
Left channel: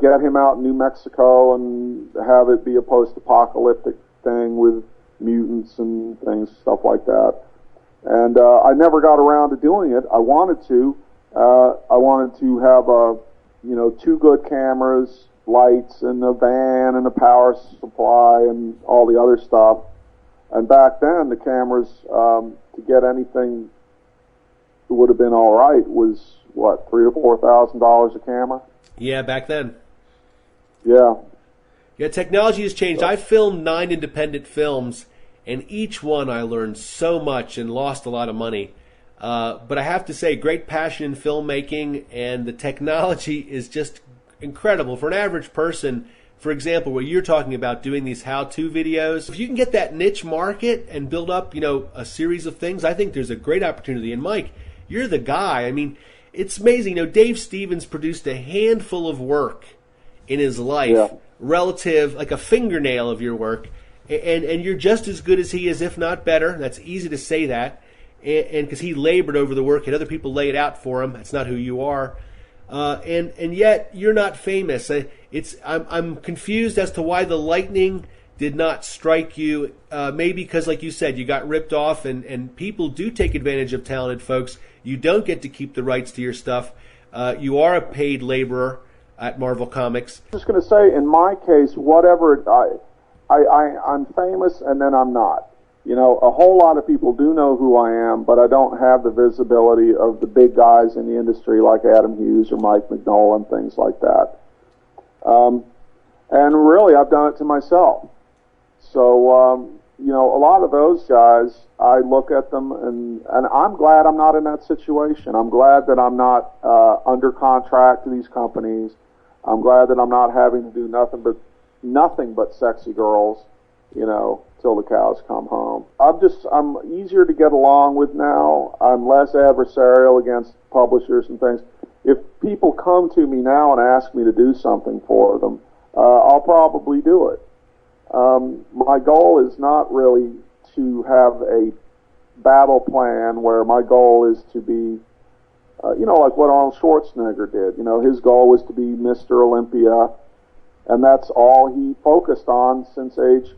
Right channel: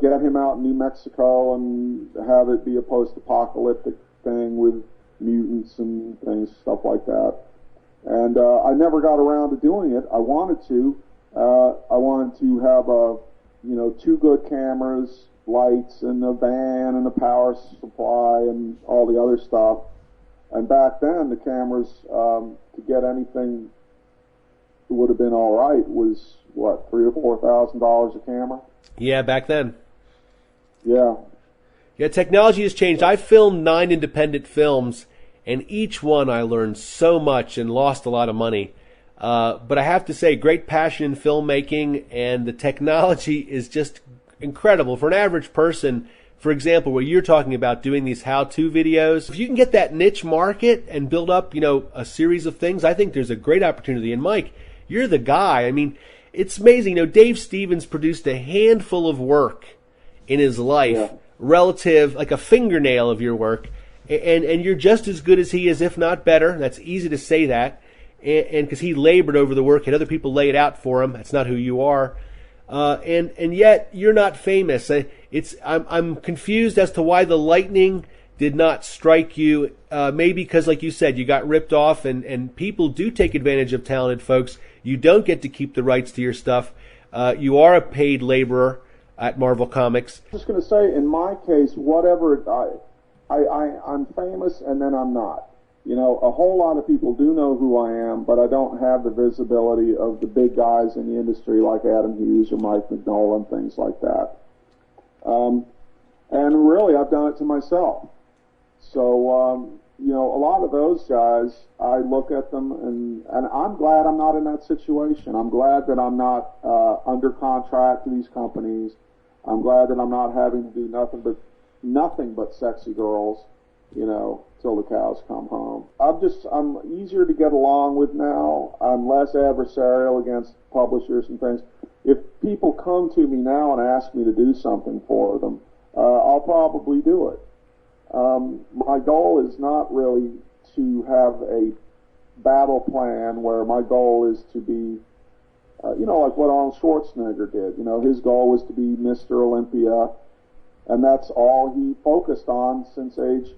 get him out in New Mexico and have it be a post-apocalyptic thing with mutants and things, stuff like that. And I never got around to doing it. I wanted to. I wanted to have two good cameras, lights, and a van, and a power supply, and all the other stuff. And back then, the cameras, to get anything that would have been all right was, what, $3,000 to $4,000 a camera? Yeah, back then. Yeah. Yeah, technology has changed. I filmed 9 independent films, and each one I learned so much and lost a lot of money. But I have to say, great passion in filmmaking, and the technology is just incredible. For an average person, for example, what you're talking about, doing these how-to videos, if you can get that niche market and build up, a series of things, I think there's a great opportunity. And Mike, you're the guy. I mean, it's amazing. Dave Stevens produced a handful of work in his life, relative, like a fingernail of your work, and you're just as good as he is, if not better. That's easy to say that, and because he labored over the work and other people lay it out for him. That's not who you are, and yet you're not famous. I'm confused as to why the lightning did not strike you. Maybe because, like you said, you got ripped off, and people do take advantage of talented folks. You don't get to keep the rights to your stuff. You are a paid laborer at Marvel Comics. I'm just going to say, in my case, whatever, I'm famous and then I'm not. A whole lot of people do know who I am, but I don't have the visibility of the big guys in the industry like Adam Hughes or Mike Mignola and things like that. And really, I've done it to myself. So, a lot of those guys, I look at them, and I'm glad I'm not in that situation. I'm glad that I'm not under contract to these companies. I'm glad that I'm not having to do nothing but sexy girls, till the cows come home. I'm easier to get along with now. I'm less adversarial against publishers and things. If people come to me now and ask me to do something for them, I'll probably do it. My goal is not really to have a battle plan where my goal is to be, like what Arnold Schwarzenegger did. His goal was to be Mr. Olympia, and that's all he focused on since age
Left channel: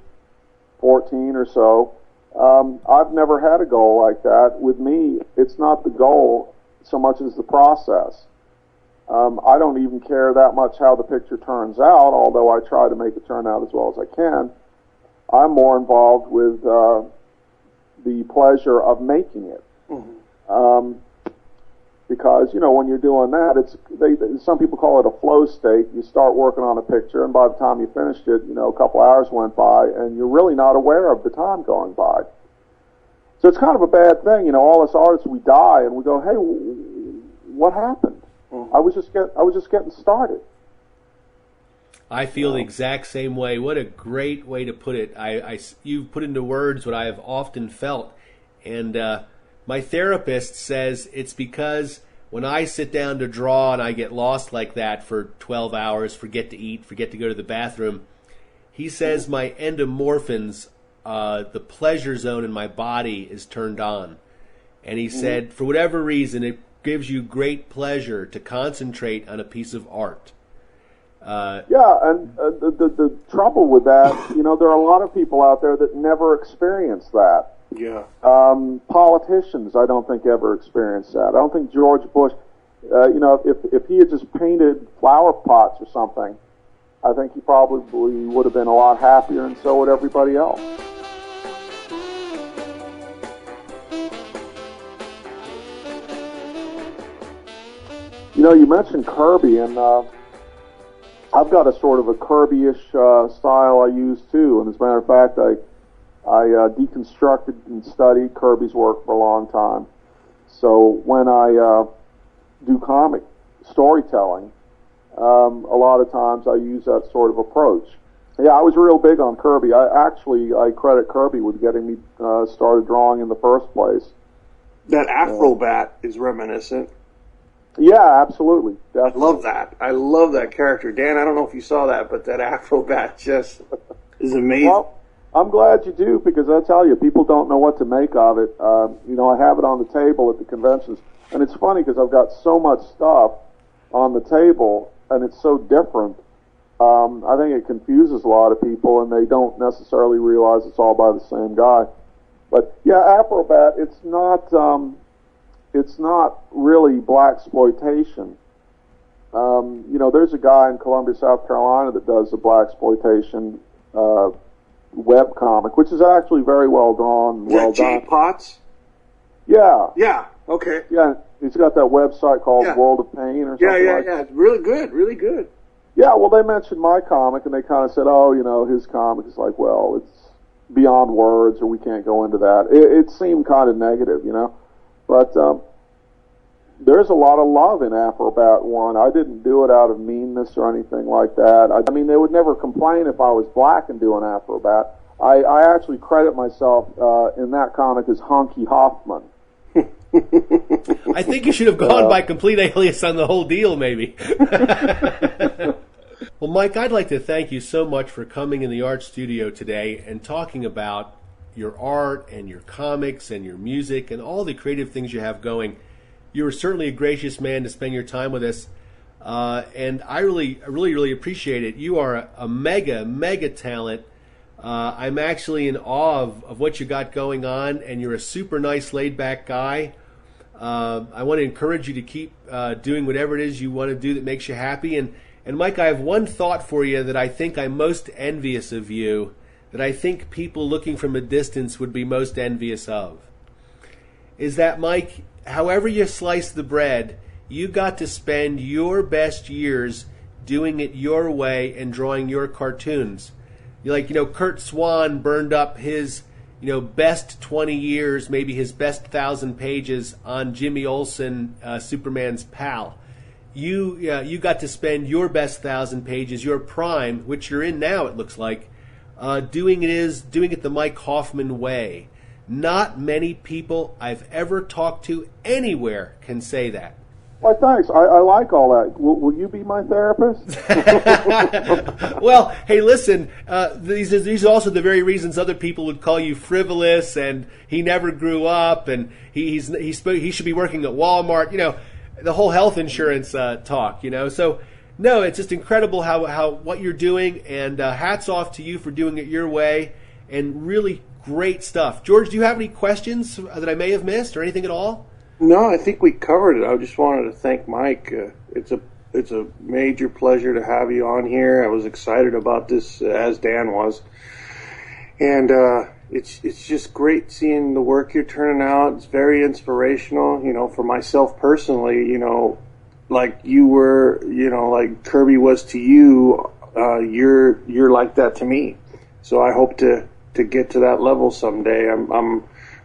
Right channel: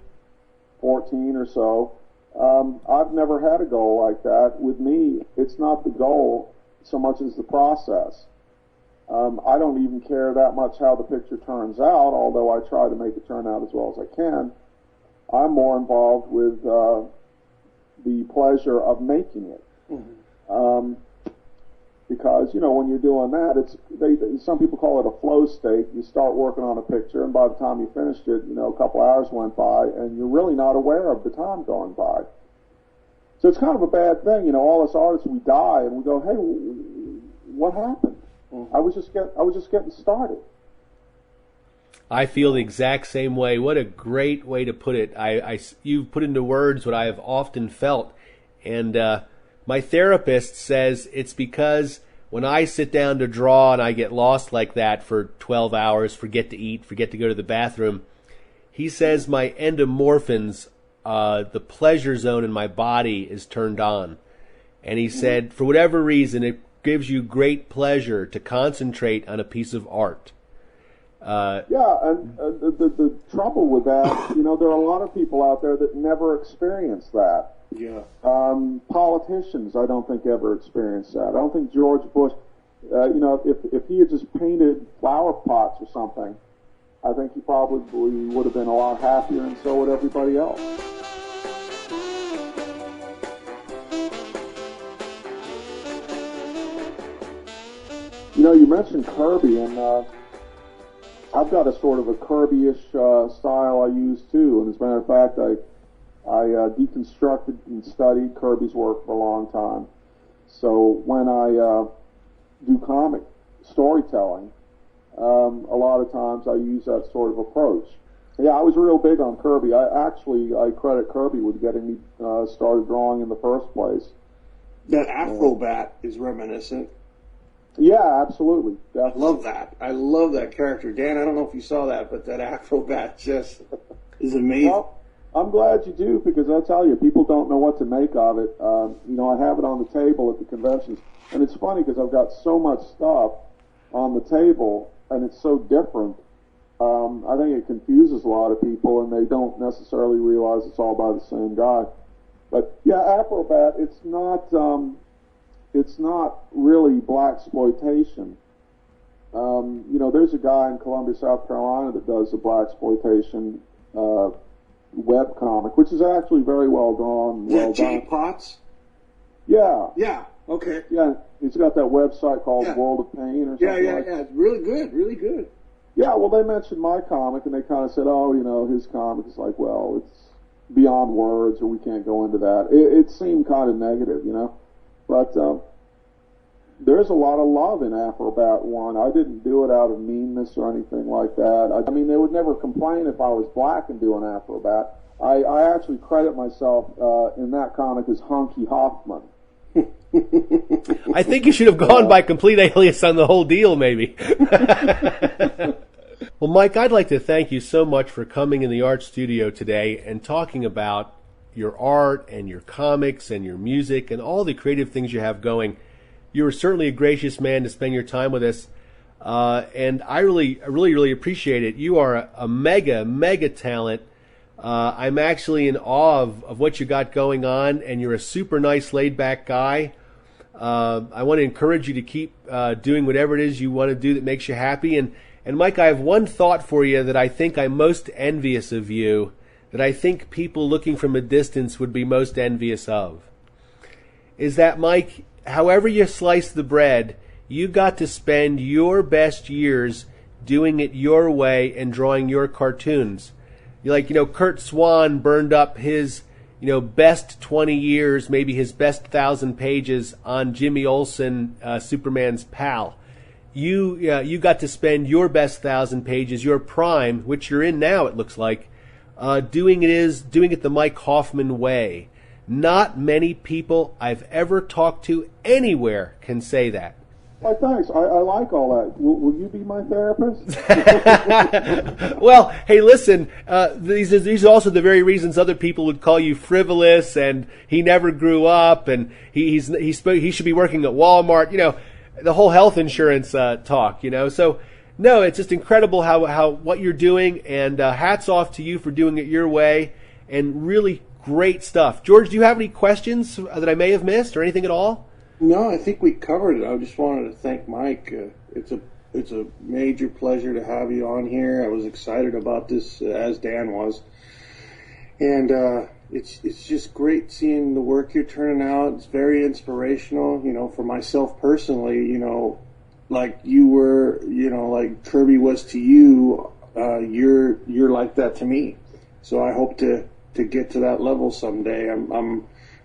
14 or so. I've never had a goal like that. With me, it's not the goal so much as the process. I don't even care that much how the picture turns out, although I try to make it turn out as well as I can. I'm more involved with the pleasure of making it. Mm-hmm. Because, when you're doing that, some people call it a flow state. You start working on a picture, and by the time you finished it, a couple hours went by, and you're really not aware of the time going by. So it's kind of a bad thing. All us artists, we die, and we go, hey, what happened? Mm-hmm. I was just getting started. I feel the exact same way. What a great way to put it. You've put into words what I have often felt. And my therapist says it's because when I sit down to draw and I get lost like that for 12 hours, forget to eat, forget to go to the bathroom, he says my endomorphins the pleasure zone in my body is turned on. And he said, for whatever reason, it gives you great pleasure to concentrate on a piece of art. Yeah, and the trouble with that, there are a lot of people out there that never experience that. Yeah. Politicians, I don't think ever experienced that. I don't think George Bush, if he had just painted flower pots or something, I think he probably would have been a lot happier, and so would everybody else. You mentioned Kirby, and I've got a sort of a Kirby-ish style I use too. And as a matter of fact, I deconstructed and studied Kirby's work for a long time. So when I do comic storytelling, a lot of times I use that sort of approach. Yeah, I was real big on Kirby. I credit Kirby with getting me started drawing in the first place. That Afrobat is reminiscent. Yeah, absolutely. Definitely. I love that. I love that character. Dan, I don't know if you saw that, but that Afrobat just is amazing. Well, I'm glad you do, because I tell you, people don't know what to make of it. I have it on the table at the conventions, and it's funny because I've got so much stuff on the table, and it's so different. I think it confuses a lot of people, and they don't necessarily realize it's all by the same guy. But yeah, Afrobat, it's not really blaxploitation. There's a guy in Columbia, South Carolina that does the blaxploitation web comic, which is actually very well drawn and well done. Jay Potts? Yeah. Yeah, okay. Yeah, he's got that website called World of Pain or something like that. Yeah. It's really good, really good. Yeah, well, they mentioned my comic, and they kind of said, his comic is like, well, it's beyond words, or we can't go into that. It seemed kind of negative, But there's a lot of love in Afrobat 1. I didn't do it out of meanness or anything like that. I mean, they would never complain if I was black and doing Afrobat. I actually credit myself in that comic as Honky Hoffman. I think you should have gone by complete alias on the whole deal, maybe. Well, Mike, I'd like to thank you so much for coming in the art studio today and talking about your art and your comics and your music and all the creative things you have going. You were certainly a gracious man to spend your time with us, and I really appreciate it. You are a mega talent. I'm actually in awe of what you got going on, and you're a super nice, laid-back guy. I want to encourage you to keep doing whatever it is you want to do that makes you happy. And Mike, I have one thought for you that I think I'm most envious of you, that I think people looking from a distance would be most envious of, is that, Mike, however you slice the bread, you got to spend your best years doing it your way and drawing your cartoons. Kurt Swan burned up his, best 20 years, maybe his best 1,000 pages on Jimmy Olsen, Superman's pal. You got to spend your best 1,000 pages, your prime, which you're in now, it looks like, doing it the Mike Hoffman way. Not many people I've ever talked to anywhere can say that. Well, thanks. I like all that. Will you be my therapist? Well, hey, listen. These are also the very reasons other people would call you frivolous, and he never grew up, and he should be working at Walmart. The whole health insurance talk. So no, it's just incredible how what you're doing, and hats off to you for doing it your way, and really great stuff. George, do you have any questions that I may have missed, or anything at all? No, I think we covered it. I just wanted to thank Mike. It's a major pleasure to have you on here. I was excited about this, as Dan was, and it's just great seeing the work you're turning out. It's very inspirational. For myself personally, like you were, like Kirby was to you. You're like that to me. So I hope to get to that level someday. I'm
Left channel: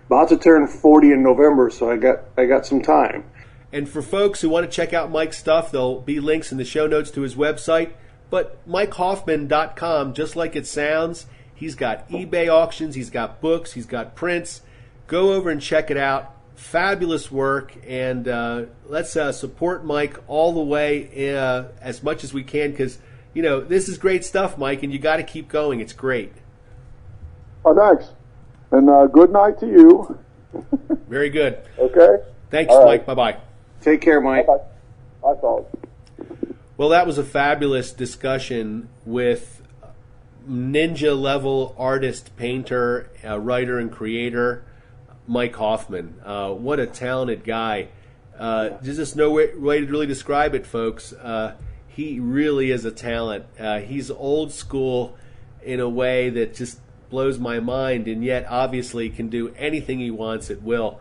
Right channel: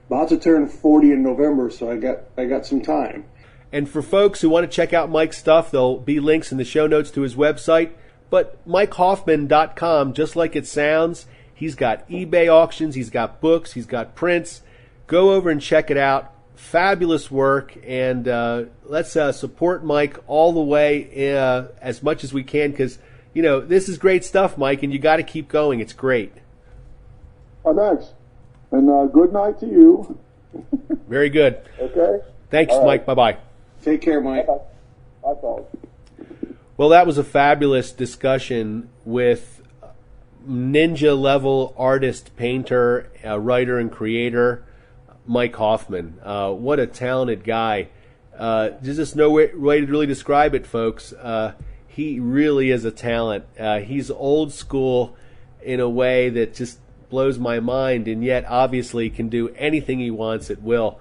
about to turn 40 in November, so I got some time. And for folks who want to check out Mike's stuff, there'll be links in the show notes to his website. But MikeHoffman.com, just like it sounds, he's got eBay auctions, he's got books, he's got prints. Go over and check it out. Fabulous work, and let's support Mike all the way as much as we can, because this is great stuff, Mike, and you got to keep going. It's great. Oh, thanks. And good night to you. Very good. Okay? Thanks, All Mike. right. Bye-bye. Take care, Mike. Bye. Bye, folks. Well, that was a fabulous discussion with ninja-level artist, painter, writer, and creator, Mike Hoffman. What a talented guy. There's just no way to really describe it, folks. He really is a talent. He's old school in a way that just blows my mind, and yet obviously can do anything he wants at will.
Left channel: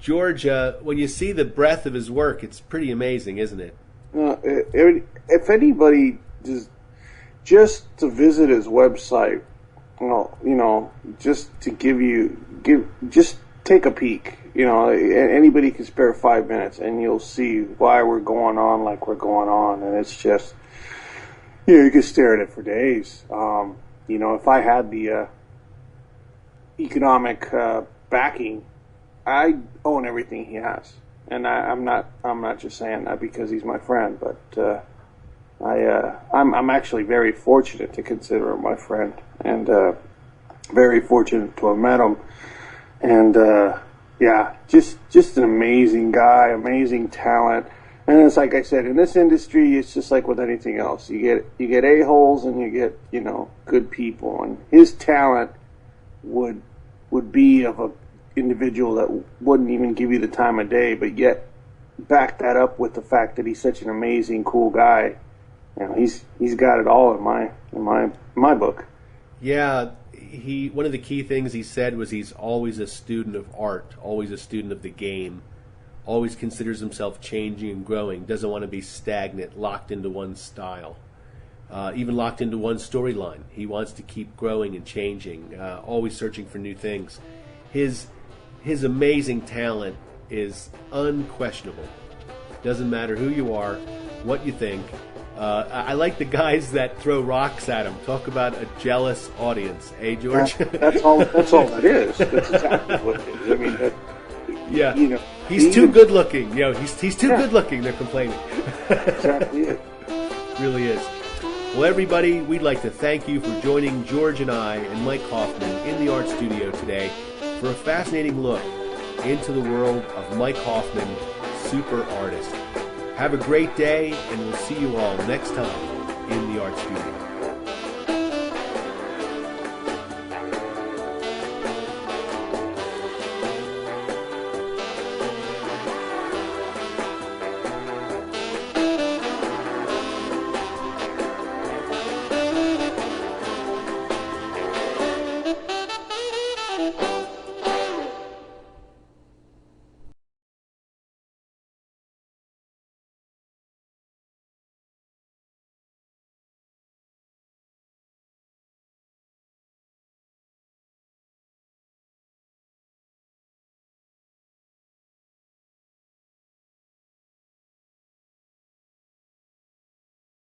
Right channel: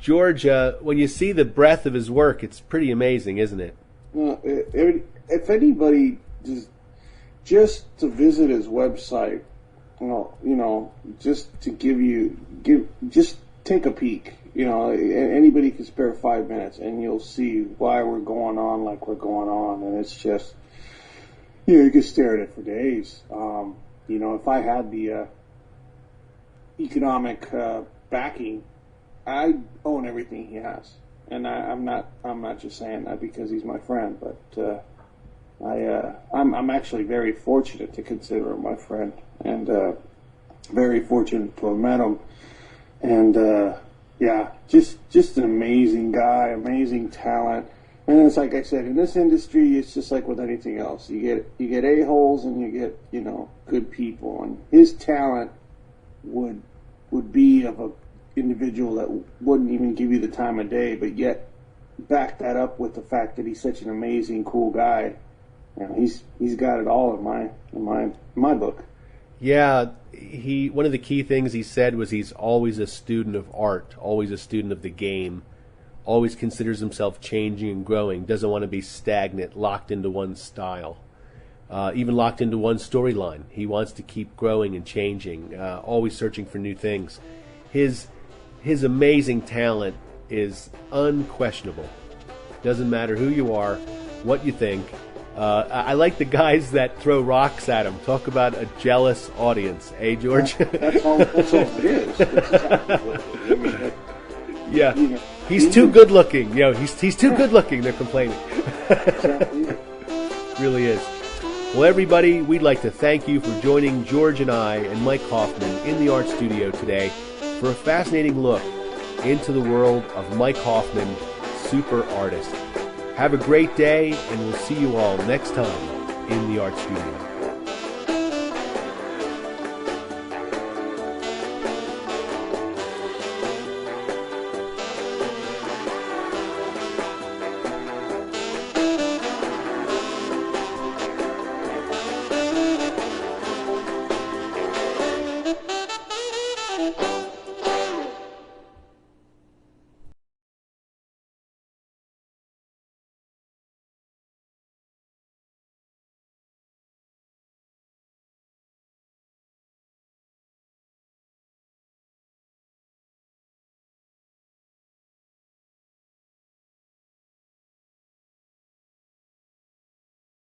George, when you see the breadth of his work, it's pretty amazing, isn't it? If anybody just to visit his website, just to just take a peek. Anybody can spare 5 minutes, and you'll see why we're going on like we're going on, and it's just, you can stare at it for days. If I had the economic backing, I own everything he has. And I'm not just saying that because he's my friend, but I'm actually very fortunate to consider him my friend, and very fortunate to have met him. And just an amazing guy, amazing talent. And it's like I said, in this industry, it's just like with anything else. You get a-holes and you get good people. And his talent would be of a individual that wouldn't even give you the time of day, but yet back that up with the fact that he's such an amazing, cool guy. He's got it all in my book. Yeah, one of the key things he said was he's always a student of art, always a student of the game, always considers himself changing and growing, doesn't want to be stagnant, locked into one style, even locked into one storyline. He wants to keep growing and changing, always searching for new things. His amazing talent is unquestionable. Doesn't matter who you are, what you think. I like the guys that throw rocks at him. Talk about a jealous audience, George? That's all it is. That's exactly what it is. Yeah. He's too good looking. He's too good looking, they're complaining. Exactly it. Really is. Well, everybody, we'd like to thank you for joining George and I and Mike Hoffman in the art studio today for a fascinating look into the world of Mike Hoffman, super artist. Have a great day, and we'll see you all next time in the art studio. Thank you.